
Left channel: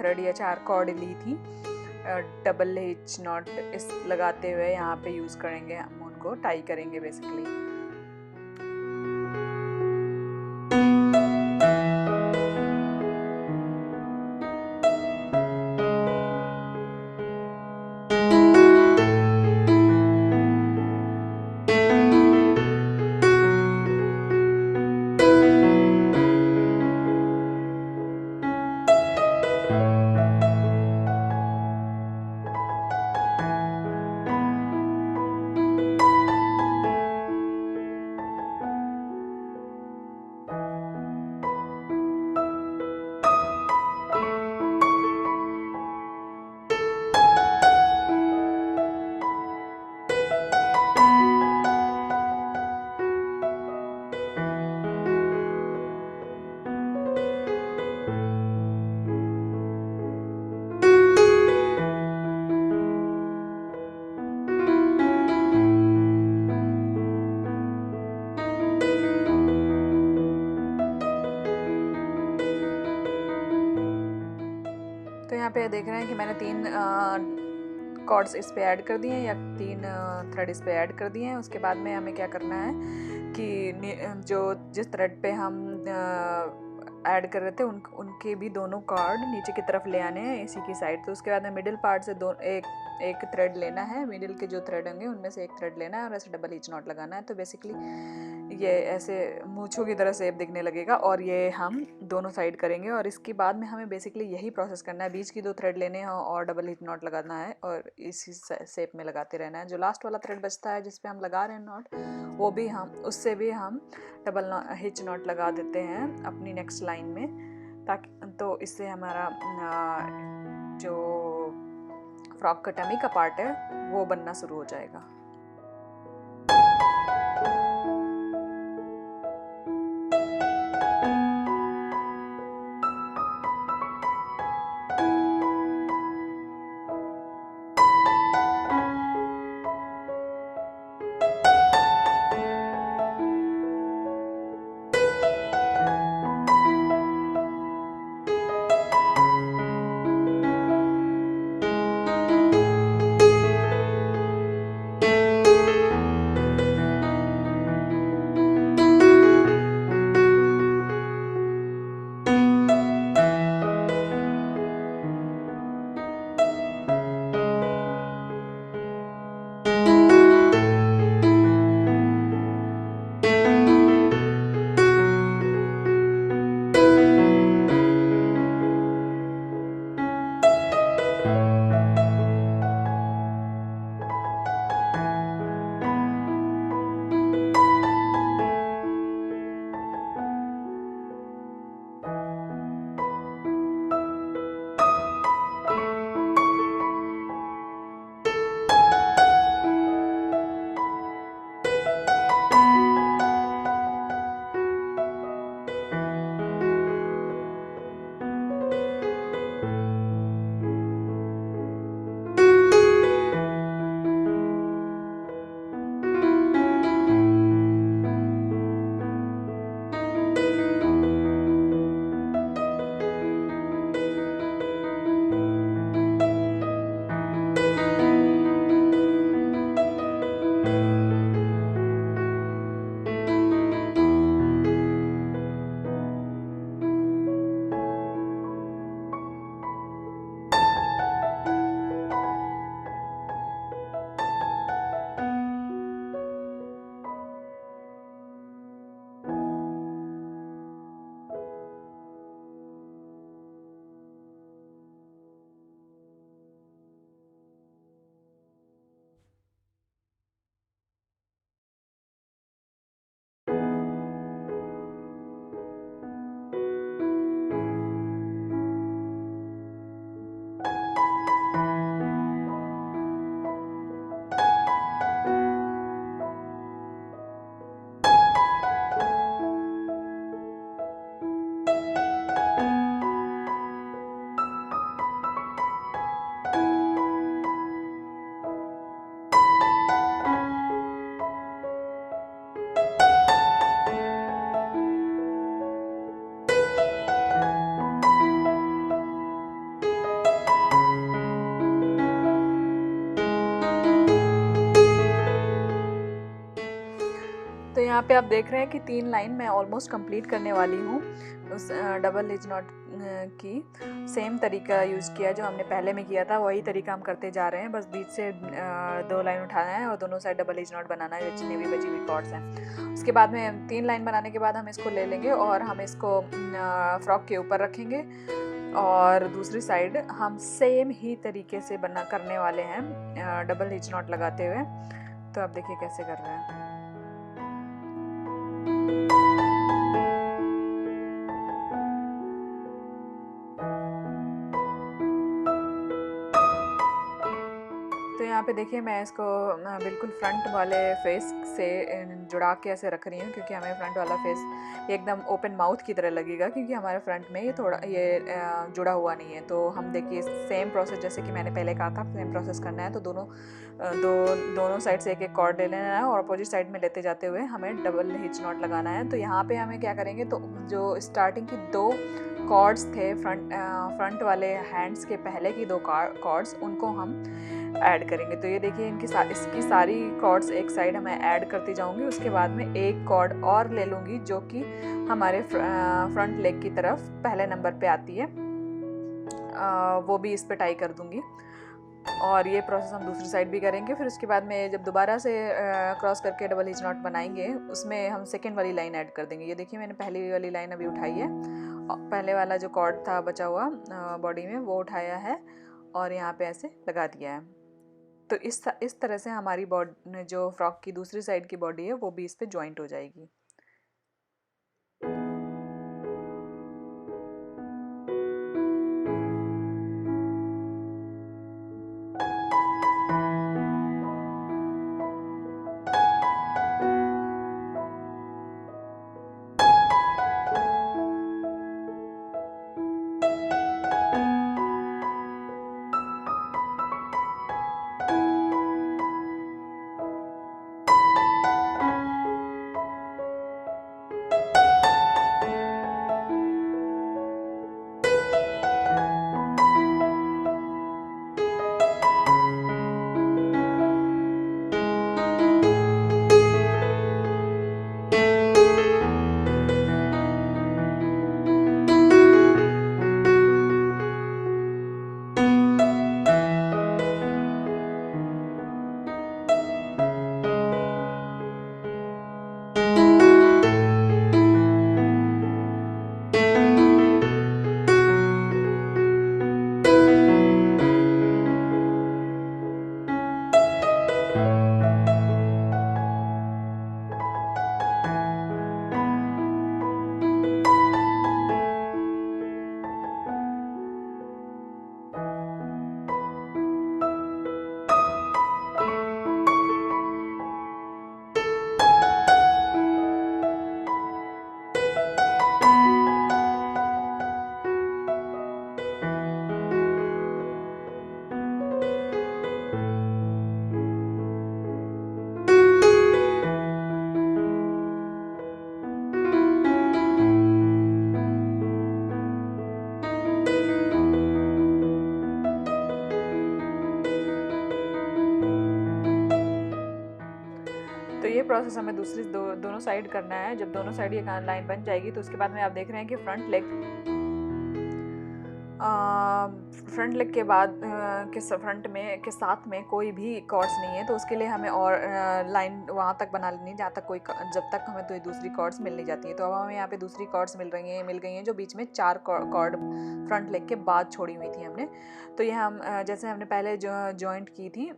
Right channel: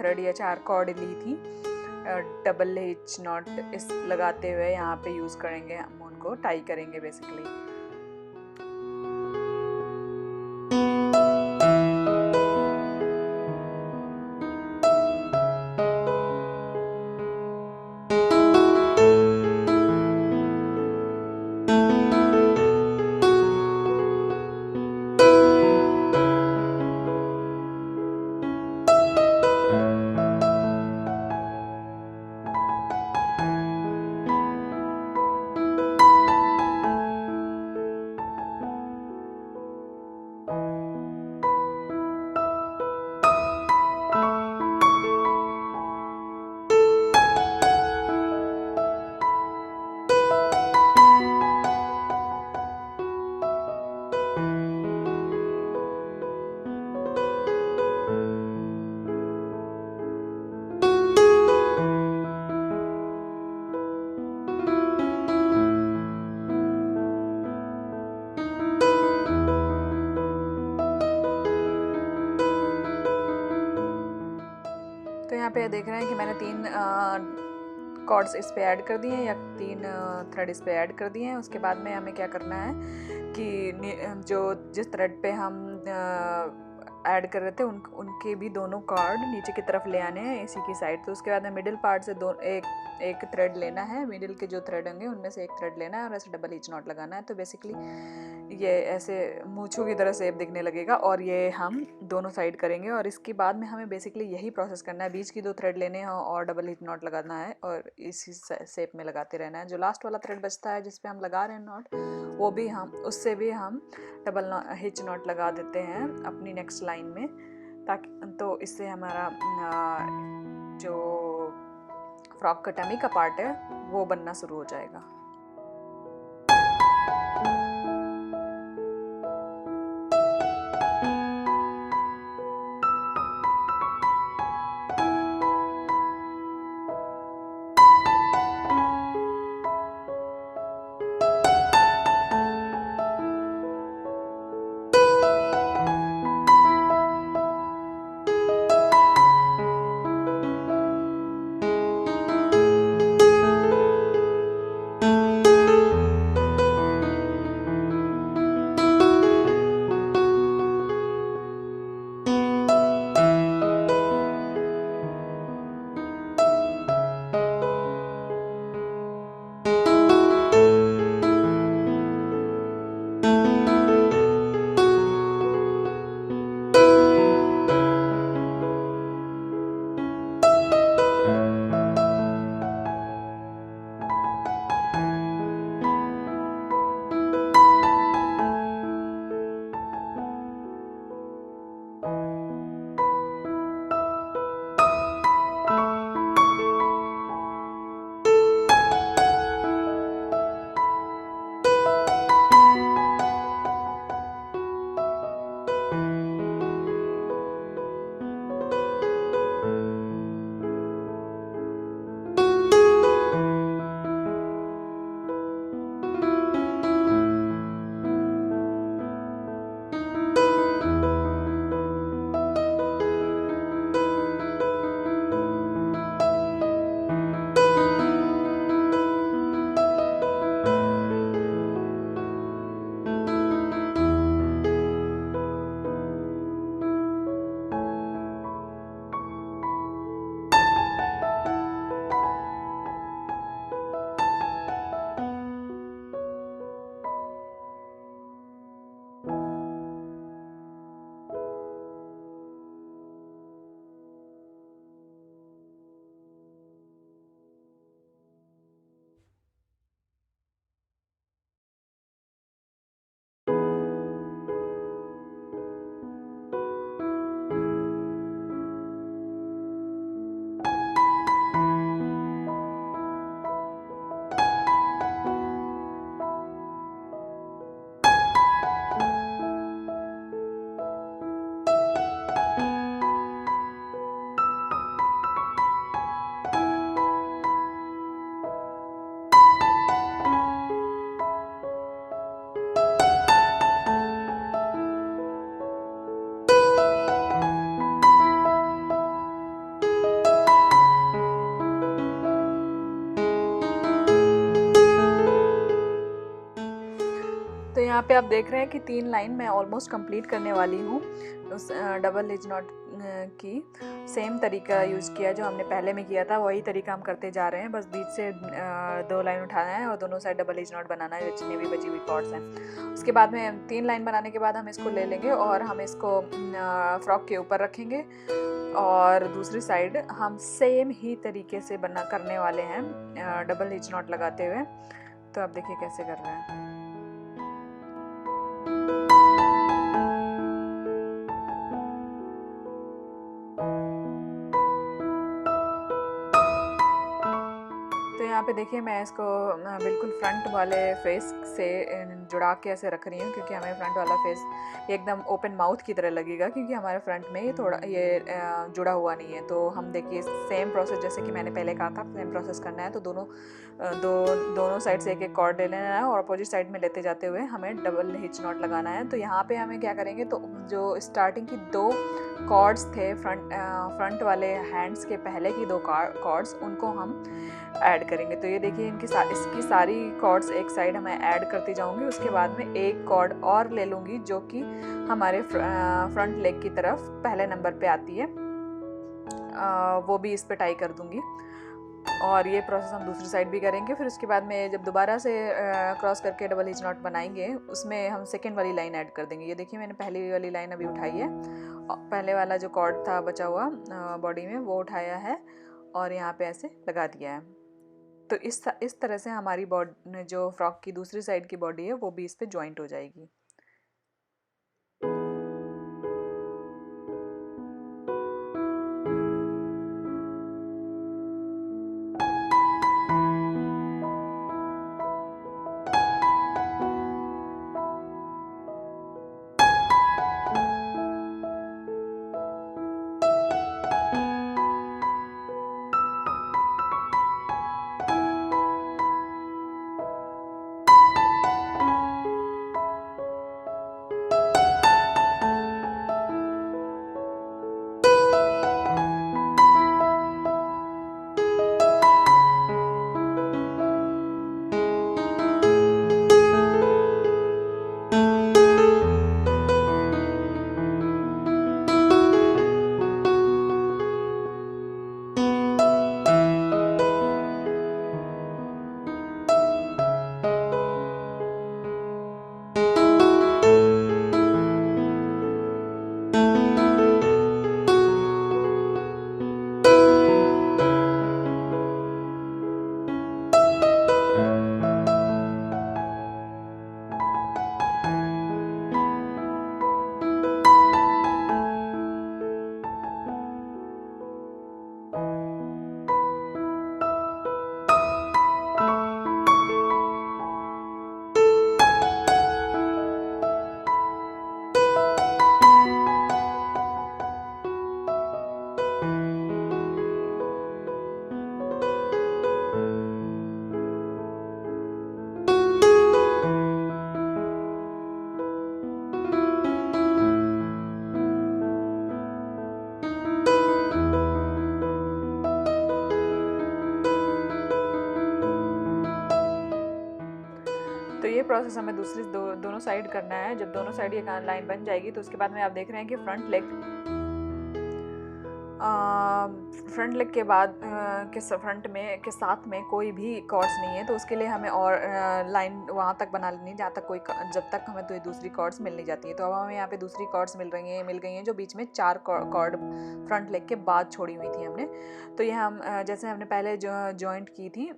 थ्रेड या 4 कॉर्ड ली थी। डबल हिच नॉट इस लगाते हुए यहाँ पे यूज़ करेंगे, हम उनको टाई करेंगे बेसिकली। तो यहाँ पे देख रहे हैं कि मैंने 3 कॉर्ड्स इस पे ऐड कर दिए हैं या 3 थ्रेड इस पे ऐड कर दिए हैं। उसके बाद में हमें क्या करना है कि जिस थ्रेड पे हम ऐड कर रहे थे उनके भी दोनों कॉर्ड नीचे की तरफ ले आने हैं इसी की साइड। तो उसके बाद में मिडिल पार्ट से एक थ्रेड लेना है, मिडिल के जो थ्रेड होंगे उनमें से एक थ्रेड लेना है और ऐसे डबल हिच नॉट लगाना है। तो बेसिकली ये ऐसे मूंछों की तरह शेप दिखने लगेगा और ये हम दोनों साइड करेंगे और इसके बाद में हमें बेसिकली यही प्रोसेस करना है। बीच की 2 थ्रेड लेने हैं और डबल हिच नॉट लगाना है और इसी शेप में लगाते रहना है। जो लास्ट वाला थ्रेड बचता है जिस पे हम लगा रहे हैं नॉट, वो भी उससे भी हम डबल हिच नॉट लगा देते हैं अपनी नेक्स्ट लाइन में, ताकि तो इससे हमारा जो फ्रॉक का टमी का पार्ट है वो बनना शुरू हो जाएगा। यहाँ पे आप देख रहे हैं कि 3 लाइन मैं ऑलमोस्ट कंप्लीट करने वाली हूँ उस डबल हिच नॉट की। सेम तरीका यूज़ किया जो हमने पहले में किया था, वही तरीका हम करते जा रहे हैं। बस बीच से 2 लाइन उठाना है और दोनों साइड डबल हिच नॉट बनाना है जितनी भी बची हुई कॉर्ड्स हैं। उसके बाद में 3 लाइन बनाने के बाद हम इसको ले लेंगे और हम इसको फ्रॉक के ऊपर रखेंगे और दूसरी साइड हम सेम ही तरीके से बना करने वाले हैं डबल हिच नॉट लगाते हुए। तो आप देखिए कैसे कर रहे हैं। तो यहाँ पे देखिए मैं इसको बिल्कुल फ्रंट वाले फेस से जुड़ा के ऐसे रख रही हूँ, क्योंकि हमें फ्रंट वाला फेस एकदम ओपन माउथ की तरह लगेगा, क्योंकि हमारे फ्रंट में ये थोड़ा जुड़ा हुआ नहीं है। तो हम देखिए सेम प्रोसेस जैसे कि मैंने पहले कहा था, सेम प्रोसेस करना है। तो दोनों साइड से एक एक कॉर्ड ले लेना है और अपोजिट साइड में लेते जाते हुए हमें डबल हिच नॉट लगाना है। तो यहाँ पे हमें क्या करेंगे, तो जो स्टार्टिंग की 2 कॉर्ड्स थे फ्रंट वाले हैंड्स के पहले की 2 कॉर्ड्स, उनको हम ऐड करेंगे। तो ये देखिए इसकी सारी कॉर्ड्स एक साइड मैं ऐड करती जाऊंगी। उसके बाद में एक कॉर्ड और ले लूँगी जो कि हमारे फ्रंट लेग की तरफ पहले नंबर पे आती है, वो भी इस पे टाई कर दूंगी। और ये प्रोसेस हम दूसरी साइड भी करेंगे। फिर उसके बाद में जब दोबारा से क्रॉस करके डबल हिच नॉट बनाएंगे, उसमें हम सेकेंड वाली लाइन ऐड कर देंगे। ये देखिए मैंने पहली वाली लाइन अभी उठाई है, पहले वाला जो कॉर्ड था बचा हुआ बॉडी में वो उठाया है और यहाँ पे ऐसे लगा दिया है। तो इस तरह से हमारी बॉडी जो फ्रॉक की दूसरी साइड की बॉडी है वो भी इस पे जॉइंट हो जाएगी। तो ये प्रोसेस हमें दोनों साइड करना है। जब दोनों साइड ये लाइन बन जाएगी तो उसके बाद में आप देख रहे हैं कि फ्रंट लेग के बाद फ्रंट में के साथ में कोई भी कॉर्ड्स नहीं है। तो उसके लिए हमें और लाइन वहाँ तक बना लेनी जहाँ तक जब तक हमें तो दूसरी कॉर्ड्स मिल नहीं जाती है। तो अब हमें यहाँ पे दूसरी कॉर्ड्स मिल गई हैं जो बीच में 4 कॉर्ड फ्रंट लेग के बाद छोड़ी हुई थी हमने। तो ये हम जैसे हमने पहले जॉइंट की थी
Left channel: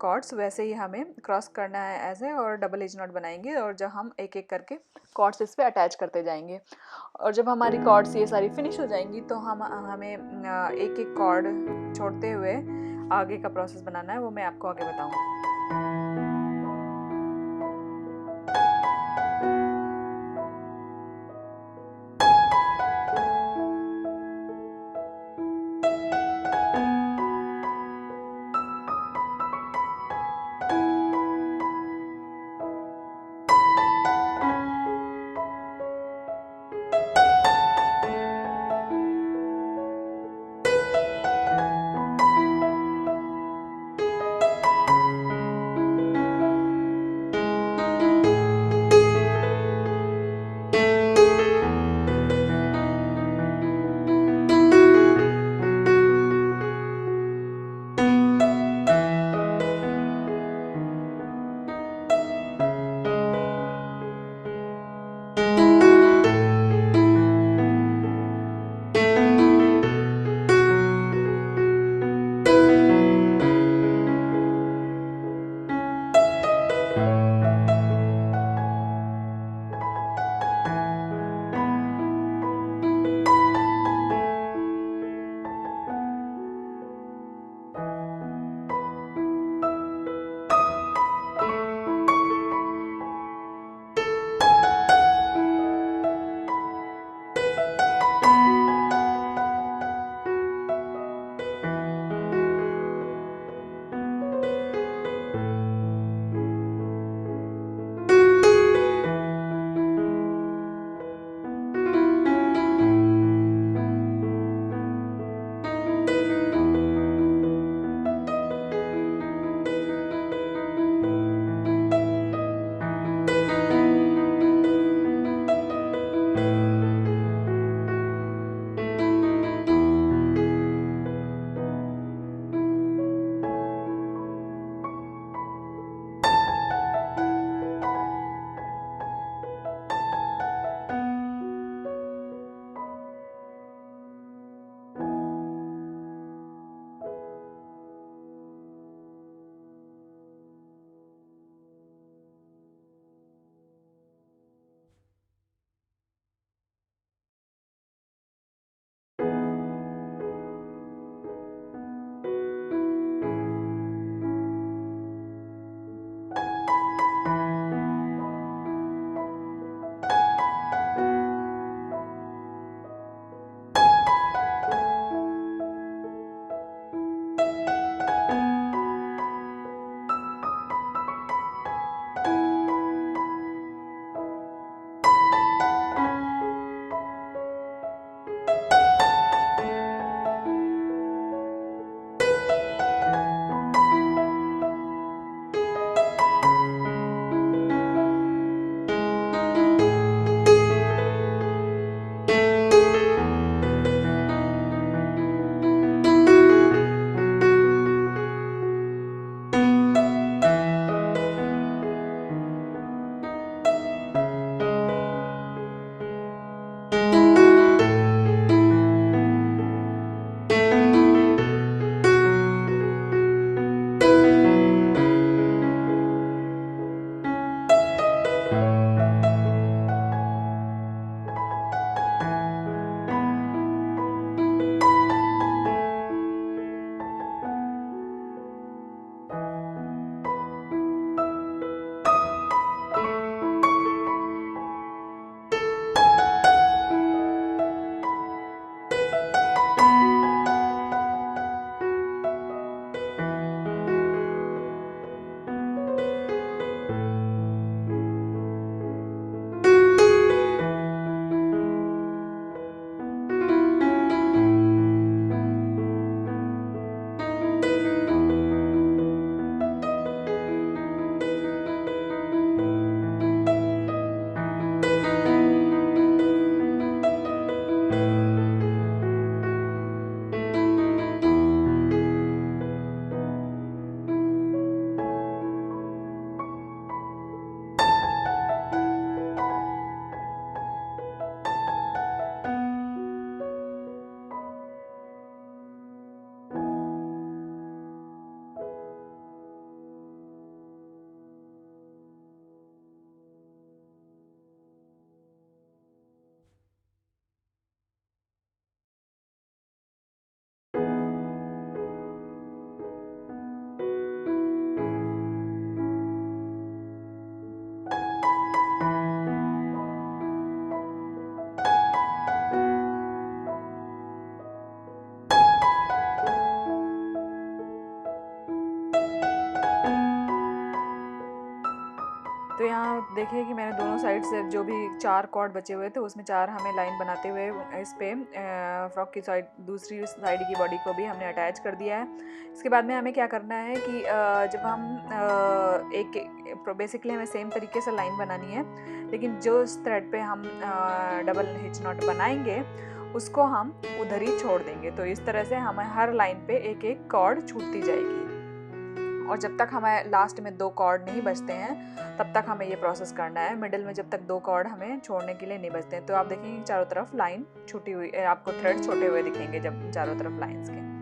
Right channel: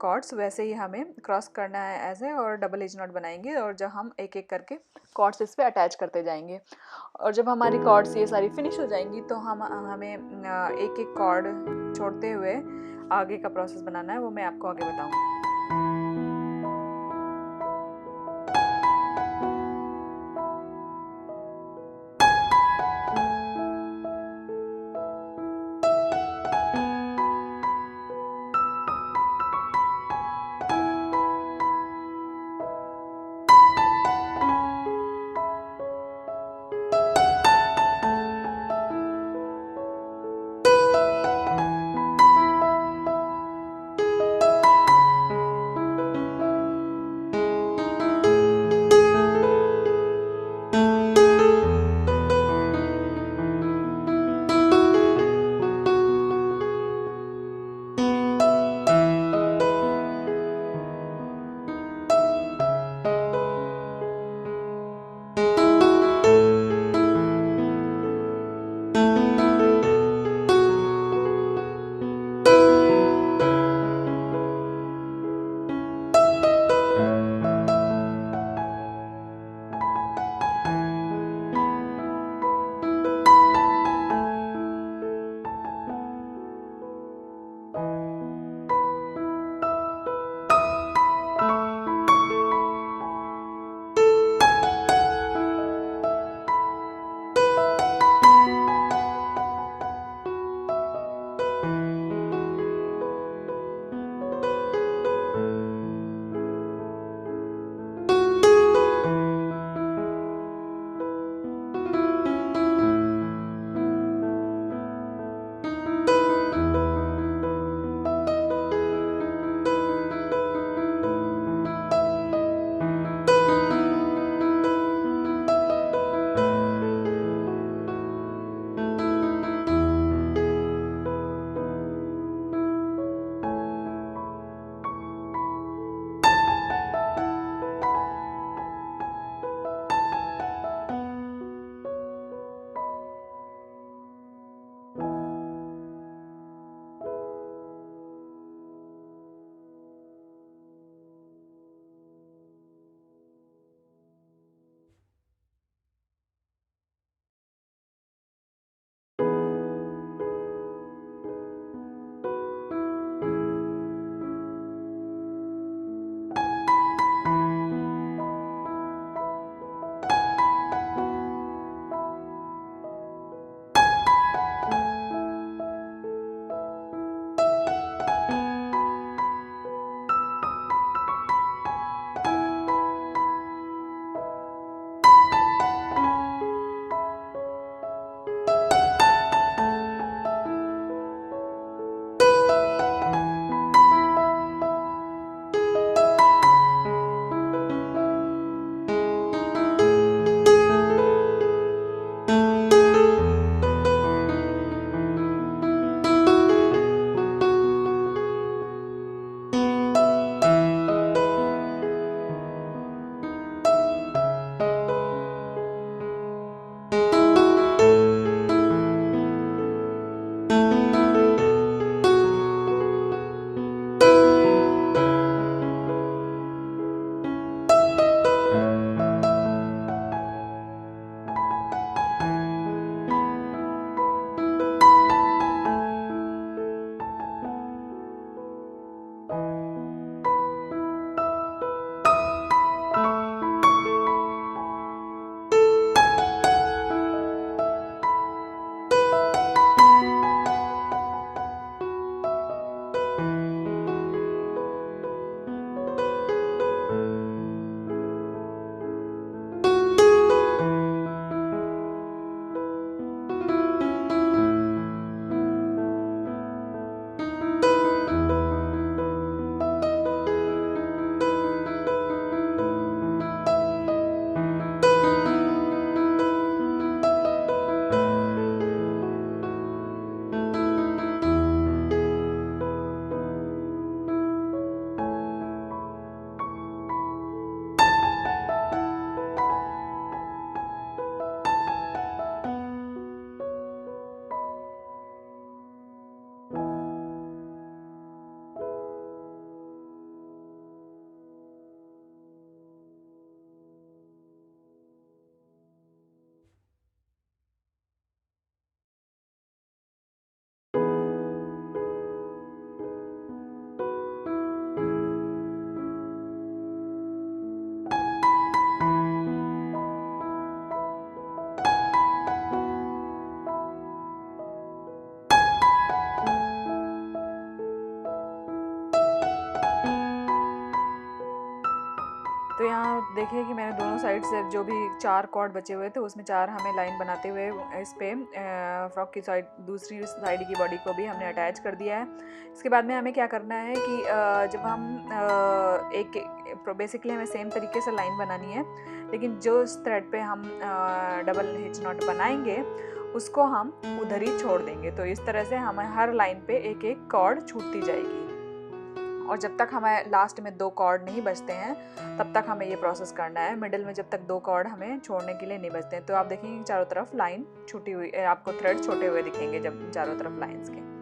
कॉर्ड्स, वैसे ही हमें क्रॉस करना है ऐसे और डबल हिच नॉट बनाएंगे और जब हम एक एक करके कॉर्ड्स इस पे अटैच करते जाएंगे। और जब हमारी कॉर्ड्स ये सारी फिनिश हो जाएंगी तो हमें एक एक कॉर्ड छोड़ते हुए आगे का प्रोसेस बनाना है, वो मैं आपको आगे बताऊंगी। यहाँ देखिए कि मैंने दोनों साइड से जो भी 4 कॉर्ड बचे हुए थे उसमें 4 हमें लाइन बनाते हुए इस पे फ्रॉक की साइड दूसरी साइड की बॉडी को भी हमने अटैच कर दिया है। इसके बाद में हमें क्या करना है कि जब हम बेसिकली हमें सेम तरीके से लाइन बनानी है, लेकिन जो इस थ्रेड पे हम डबल हिच नॉट बनाएंगे उसको हम उधर ही छोड़ देंगे। तो इस तरह से हमें हर लाइन पे एक एक कॉर्ड छूटती जाएगी, और जब तक हमें लास्ट में 2 कॉर्ड नहीं बचते हैं तब तक हमें ये प्रोसेस करना है। मिडिल में जब तक 2 कॉर्ड हमें छोड़ने के लिए नहीं बचते हैं। तो आप देखेंगे चारों तरफ लाइन छूटी हुई, आपको थ्रेड छोटे हुए दिखेंगे जब चारों तरफ लाइंस के।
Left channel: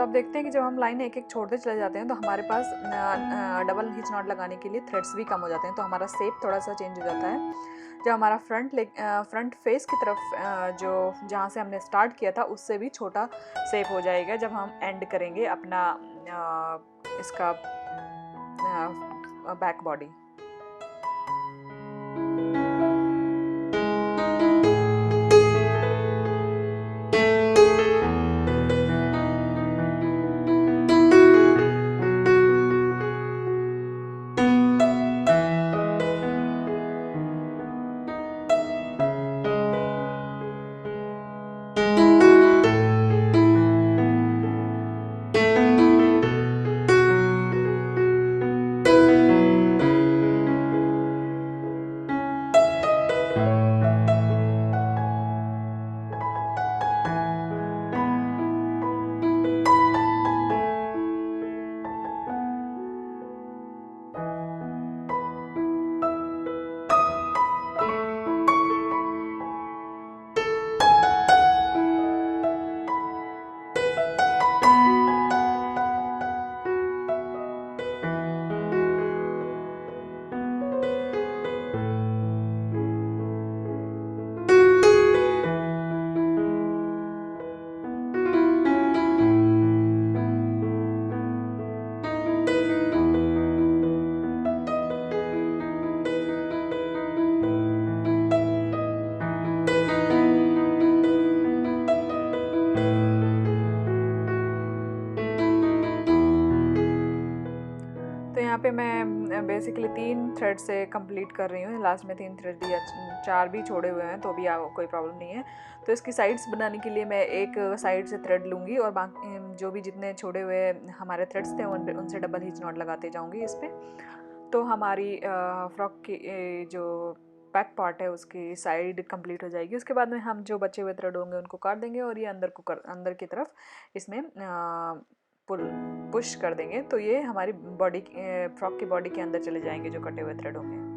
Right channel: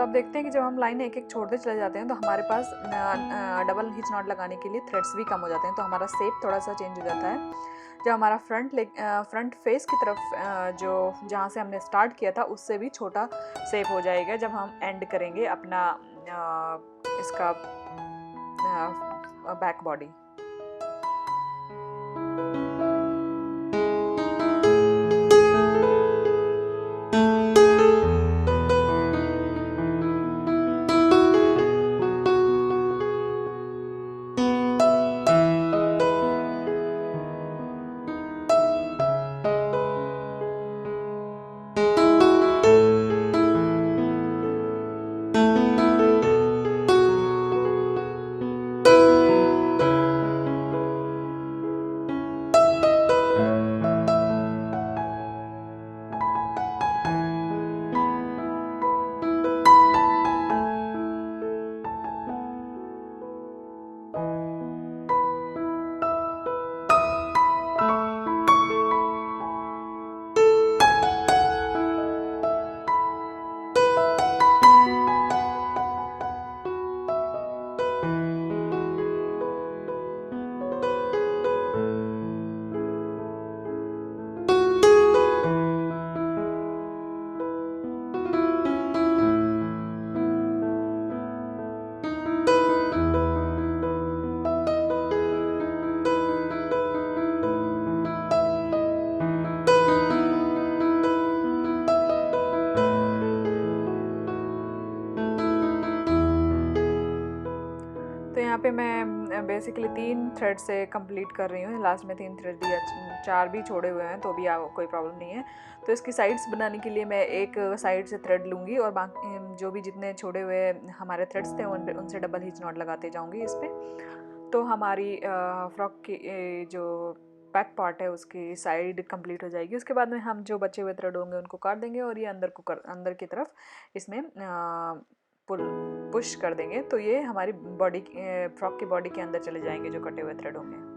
तो अब देखते हैं कि जब हम लाइन एक एक छोड़ते चले जाते हैं तो हमारे पास डबल हिच नॉट लगाने के लिए थ्रेड्स भी कम हो जाते हैं, तो हमारा शेप थोड़ा सा चेंज हो जाता है। जब हमारा फ्रंट फेस की तरफ जो जहाँ से हमने स्टार्ट किया था उससे भी छोटा शेप हो जाएगा जब हम एंड करेंगे अपना इसका बैक बॉडी। तो यहाँ पे मैं बेसिकली 3 थ्रेड से कंप्लीट कर रही हूँ। लास्ट में 3 थ्रेड दिया, 4 भी छोड़े हुए हैं तो भी कोई प्रॉब्लम नहीं है। तो इसकी साइड्स बनाने के लिए मैं एक साइड से थ्रेड लूँगी और बाकी जो भी जितने छोड़े हुए हमारे थ्रेड्स थे उनसे डबल हिच नॉट लगाते जाऊँगी इस पर। तो हमारी फ्रॉक की जो बैक पार्ट है उसकी साइड कंप्लीट हो जाएगी। उसके बाद में हम जो बचे हुए थ्रेड होंगे उनको काट देंगे और ये अंदर की तरफ इसमें पुश कर देंगे, तो ये हमारी बॉडी फ्रॉक की बॉडी के अंदर चले जाएंगे जो कटे हुए थ्रेड होंगे।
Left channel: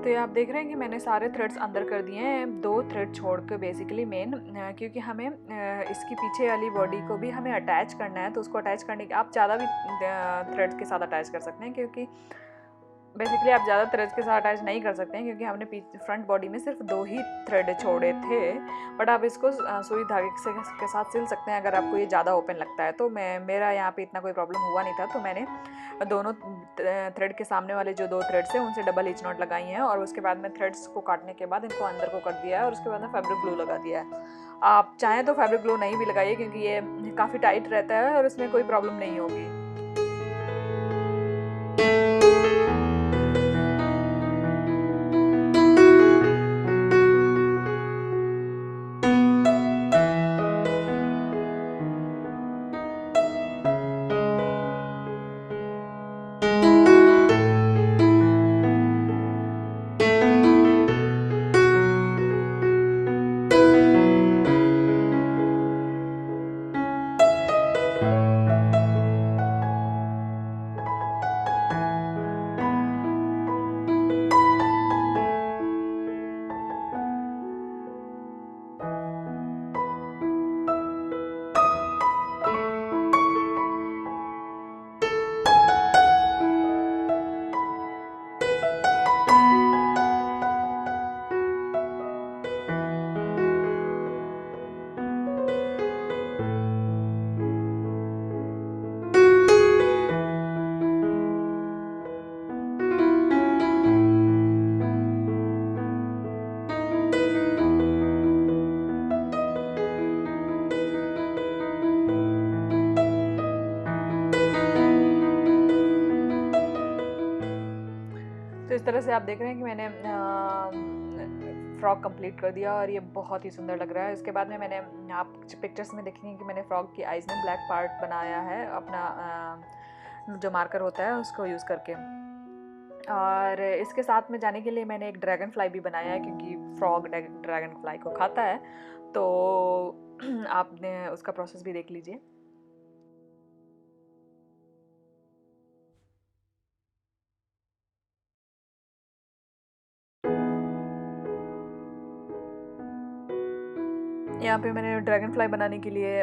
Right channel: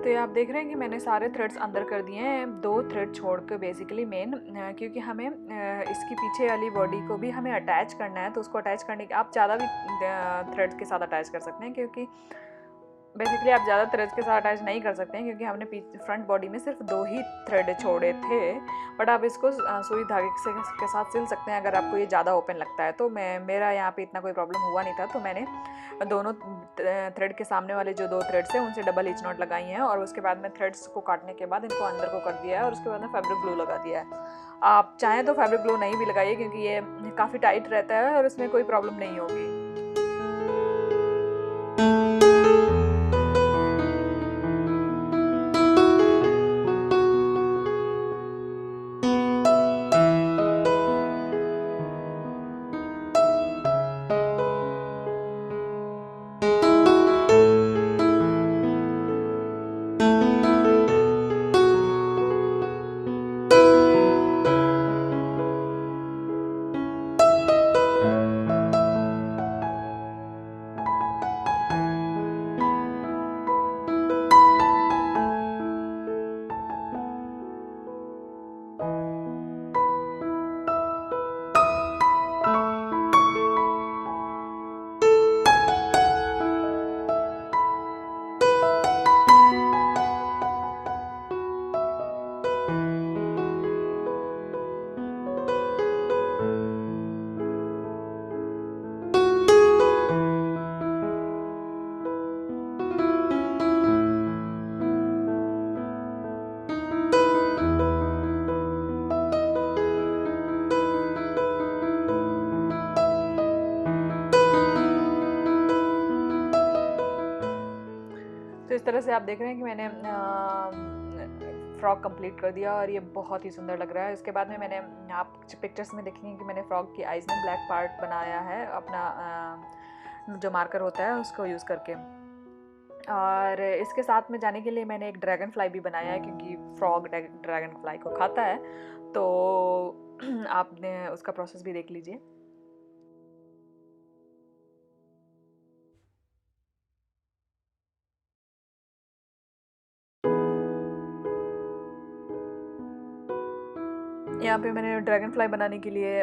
तो ये आप देख रहे हैं कि मैंने सारे थ्रेड्स अंदर कर दिए हैं, 2 थ्रेड छोड़ के बेसिकली मेन, क्योंकि हमें इसकी पीछे वाली बॉडी को भी हमें अटैच करना है। तो उसको अटैच करने के आप ज़्यादा भी थ्रेड्स के साथ अटैच कर सकते हैं, क्योंकि बेसिकली आप ज़्यादा थ्रेड्स के साथ अटैच नहीं कर सकते हैं, क्योंकि हमने फ्रंट बॉडी में सिर्फ 2 ही थ्रेड छोड़े थे। बट आप इसको सुई धागे के साथ सिल सकते हैं अगर आपको ये ज़्यादा ओपन लगता है। तो मेरा यहाँ पे इतना कोई प्रॉब्लम हुआ नहीं था, तो मैंने दोनों थ्रेड के सामने वाले जो 2 थ्रेड्स हैं उनसे डबल हिच नॉट लगाई हैं, और उसके बाद में थ्रेड्स को काटने के बाद इनको अंदर को कर दिया है, और उसके बाद में फैब्रिक ग्लू लगा दिया है। आप चाहें तो फैब्रिक ग्लू नहीं भी लगाइए, क्योंकि ये काफ़ी टाइट रहता है और इसमें कोई प्रॉब्लम नहीं होगी। तो इस तरह से आप देख रहे हैं कि मैंने फ्रॉक कंप्लीट कर दिया, और ये बहुत ही सुंदर लग रहा है। इसके बाद में मैंने, आप पिक्चर्स में देखेंगे कि मैंने फ्रॉक की आइज़ में ब्लैक पार्ट बनाया है अपना जो मार्कर होता है उसको यूज़ करके। और इसके साथ में जाने के लिए मैंने एक ड्रैगन फ्लाई भी बनाया है, क्योंकि फ्रॉग ड्रैगन फ्लाई को खाता है। तो आपने उसका प्रोसेस भी देख लीजिए। यहाँ पे मैंने ड्रैगन फ्लाई बनाने के लिए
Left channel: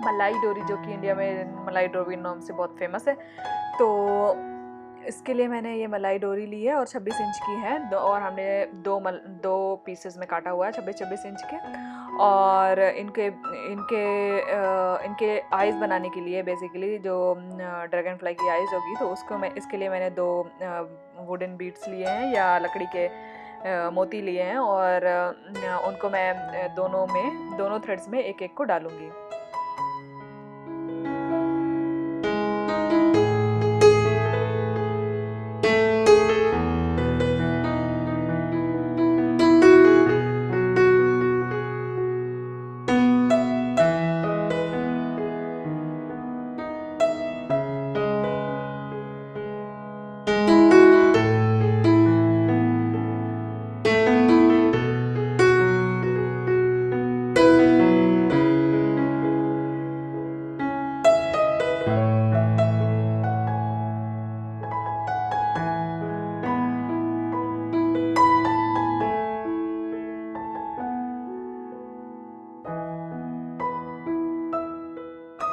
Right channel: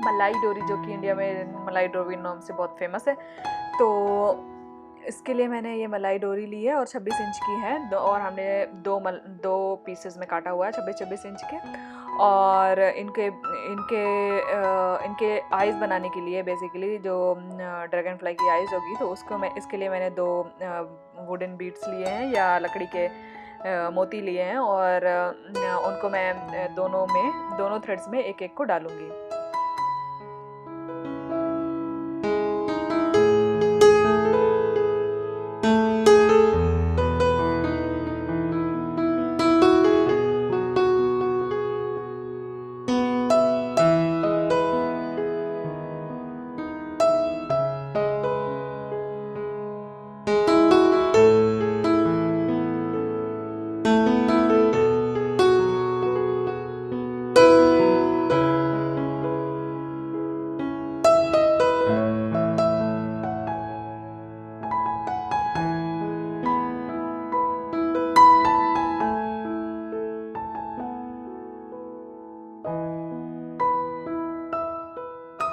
मलाई डोरी, जो कि इंडिया में मलाई डोरी नाम से बहुत फेमस है, तो इसके लिए मैंने ये मलाई डोरी ली है और 26 इंच की है, और हमने दो पीसेस में काटा हुआ है 26-26 इंच के। और इनके इनके इनके आइज़ बनाने के लिए बेसिकली जो ड्रैगन फ्लाई की आइज़ होगी, तो उसको इसके लिए मैंने 2 वुडन बीड्स लिए हैं या लकड़ी के मोती लिए हैं, और उनको मैं दोनों थ्रेड्स में एक एक को डालूंगी।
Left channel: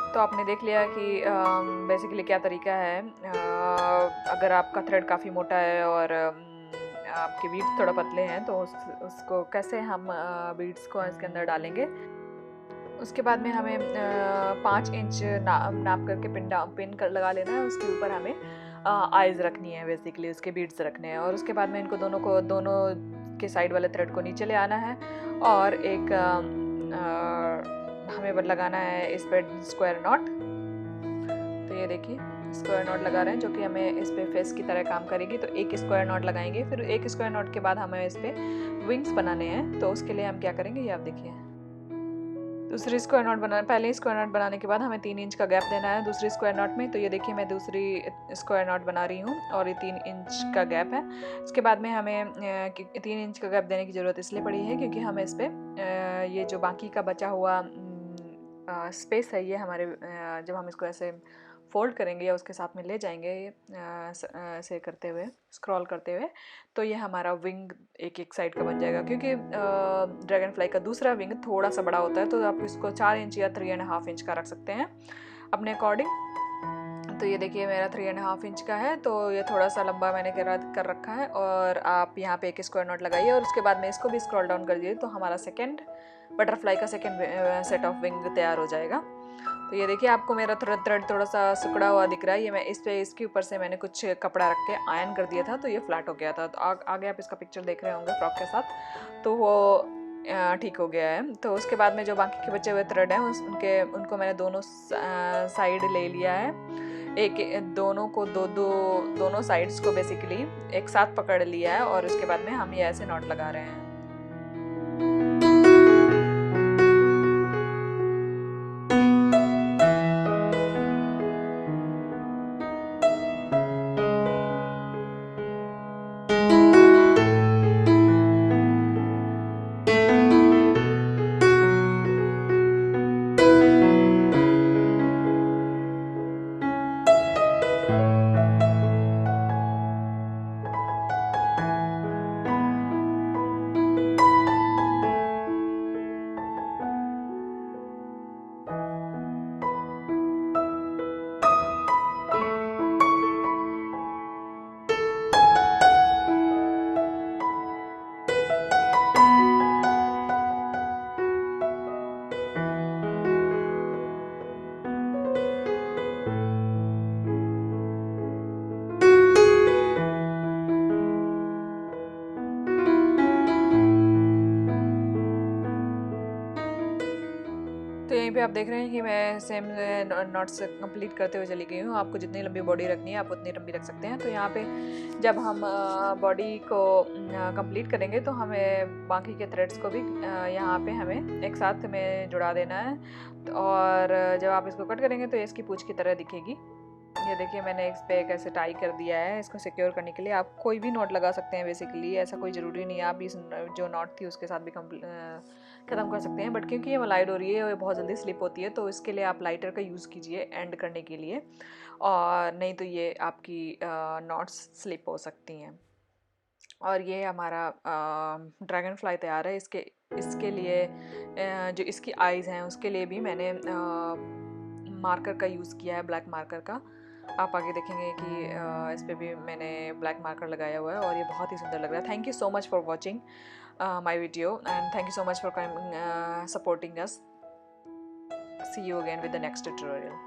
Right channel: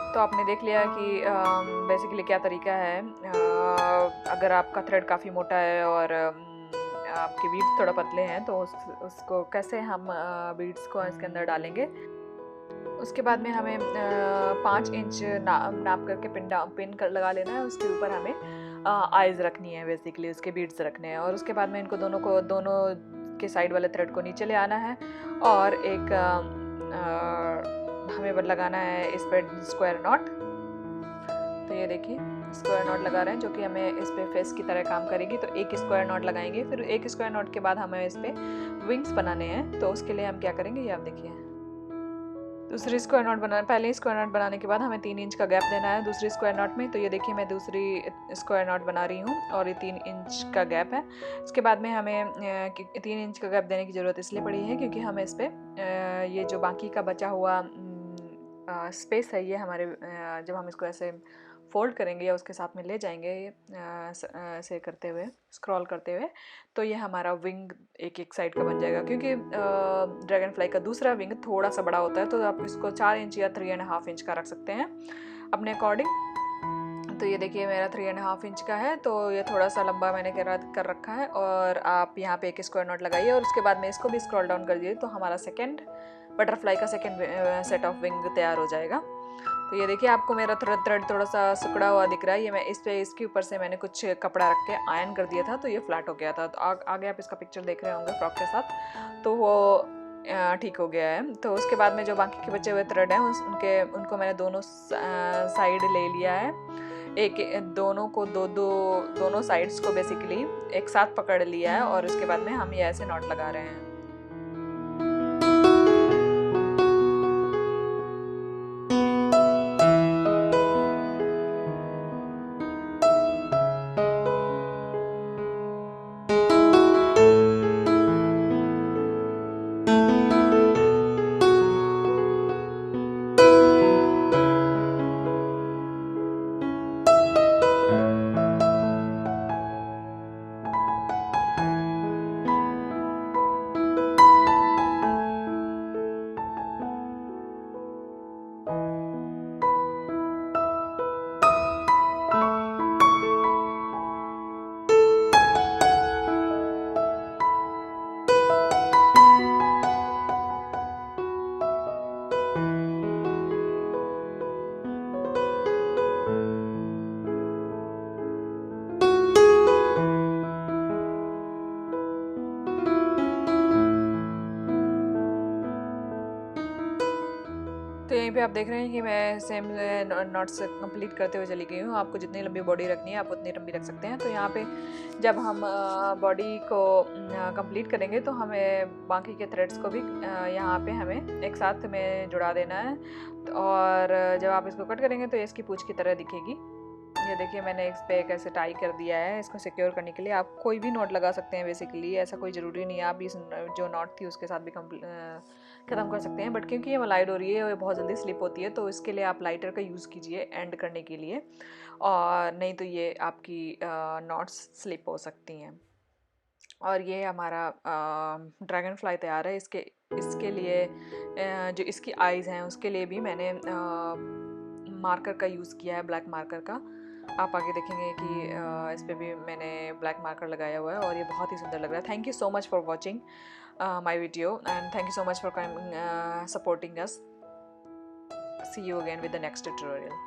तो आपने देख लिया कि बेसिकली क्या तरीका है। अगर आपका थ्रेड काफ़ी मोटा है और आपके बीड्स थोड़ा पतले हैं, तो उसको कैसे हम बीड्स को इसके अंदर डालेंगे। उसके बाद में हमें 5 इंच नाप करके पिन कर लगा लेना है। उसके ऊपर हमें आइज़ रखनी है, बेसिकली उसके बीड्स रखने हैं। और उसके बाद में इनको दोनों के साइड वाले थ्रेड को नीचे ले आना है, और एक हमें लगाना है इस पर स्क्वायर नॉट। तो ये देखिए स्क्वायर नॉट लगा रहे हैं, जो कि हमें इस पे फेस की तरह काम करेगी। तो एक स्क्वायर नॉट लगाएंगे, फिर एक स्क्वायर नॉट के बाद हमें इस पे विंग्स बनाने हैं। तो उसके लिए हम क्या करेंगे, ये आप देखिए। दूसरी स्क्वायर नॉट बनाना, पहले स्क्वायर नॉट बनाने के बाद हमें 3 इंच का गैप देना है दूसरी स्क्वायर नॉट में। तो ये देखिए मैं दूसरी स्क्वायर नॉट बना रही हूँ, और ये 3 इंच का गैप है। इसके बाद में हमें 3 इंच का गैप देने की ज़रूरत इसलिए पड़ी है, क्योंकि हमें इस पर ये जो बाकी का बचा हुआ स्पेस है, ये हमारे जब हम इसको ऐसे फोल्ड करेंगे या उसके साथ में ले जाएंगे ऐसे करते हुए, स्क्रॉल करते हुए, तो ये हमारा विंग एक एक साइड का बन जाएगा। क्योंकि ड्रैगन फ्लाई का दूसरा विंग थोड़ा सा बड़ा होता है, तो आप इसको 4 इंच या 3.5 इंच का रख सकते हैं अपने अकॉर्डिंग। तो ये देखिए मेरा 3.5 इंच का है, तो ये थोड़ा सा लंबा मैंने कर रखा है। और आप यहाँ पे एक स्क्वायर नॉट लगाइए और उसके बाद में इसको भी स्क्रॉल डाउन कर दीजिए, तो हमारा सेकेंड बटरफ्लाई का सेकेंड सेट ऑफ विंग तैयार हो जाएगा। तो ये देखिए आपको मेरा थ्रेड थोड़ा सा सिकुड़ा हुआ दिख रहा है, ये मैं इसके ऊपर से मैंने कुछ कपड़ा रख के आयरन कर दिया था, तो ये फ्लैट हो गया था। तो आगे आप इसका पिक्चर देख रहे होंगे फ्रॉक के साथ, तो वो ठीक हो गया है। तो उसके बाद में जो बाकी के बचे हुए थ्रेड हैं उनको मैंने दोनों साइड ले लिया है। दोनों को दोनों साइड्स को बेसिकली एक साथ पकड़ लिया है और उसके बाद में हम ये ऐसे नॉट लगा रहे हैं। तो यहीं पे आप देख रहे हैं कि मैं सेम नॉट्स कंप्लीट करते हुए चली गई हूँ। आपको जितनी लंबी बॉडी रखनी है आप उतनी लंबी रख सकते हैं। तो यहाँ पे जब हम बॉडी को कंप्लीट करेंगे तो हमें बाकी के थ्रेड्स को भी यहाँ पे हमें एक साथ में जुड़ा देना है। और जब आप इसको कट करेंगे तो ये इसकी पूंछ की तरह दिखेगी। ये देखिए मैंने इस पे कैसे टाई कर दिया है। इसको सिक्योर करने के लिए आप कोई भी नॉट लगा सकते हैं बेसिकली, ऐसा कोई ज़रूरी नहीं है आप इस जो नॉट थी उसके साथ भी ख़त्म कर सकते हैं। बट क्योंकि ये मलाई डोरी है और ये बहुत जल्दी स्लिप होती है, तो इसके लिए आप लाइटर का यूज़ कीजिए एंड करने के लिए, और नहीं तो ये आपकी नॉट्स स्लिप हो सकती हैं। और ये हमारा ड्रैगन फ्लाई तैयार है। इसके लिए जो इसकी आइज़ हैं उसके लिए भी मैंने मार्कर का यूज़ किया है, ब्लैक मार्कर का। आप आगे देखेंगे कि इस पे भी मैंने ब्लैक मार्कर लगाया हुआ है और ये बहुत ही सुंदर लग रहा है। Thank you so much for watching my video and thank you so much for supporting us. See you again with the next tutorial.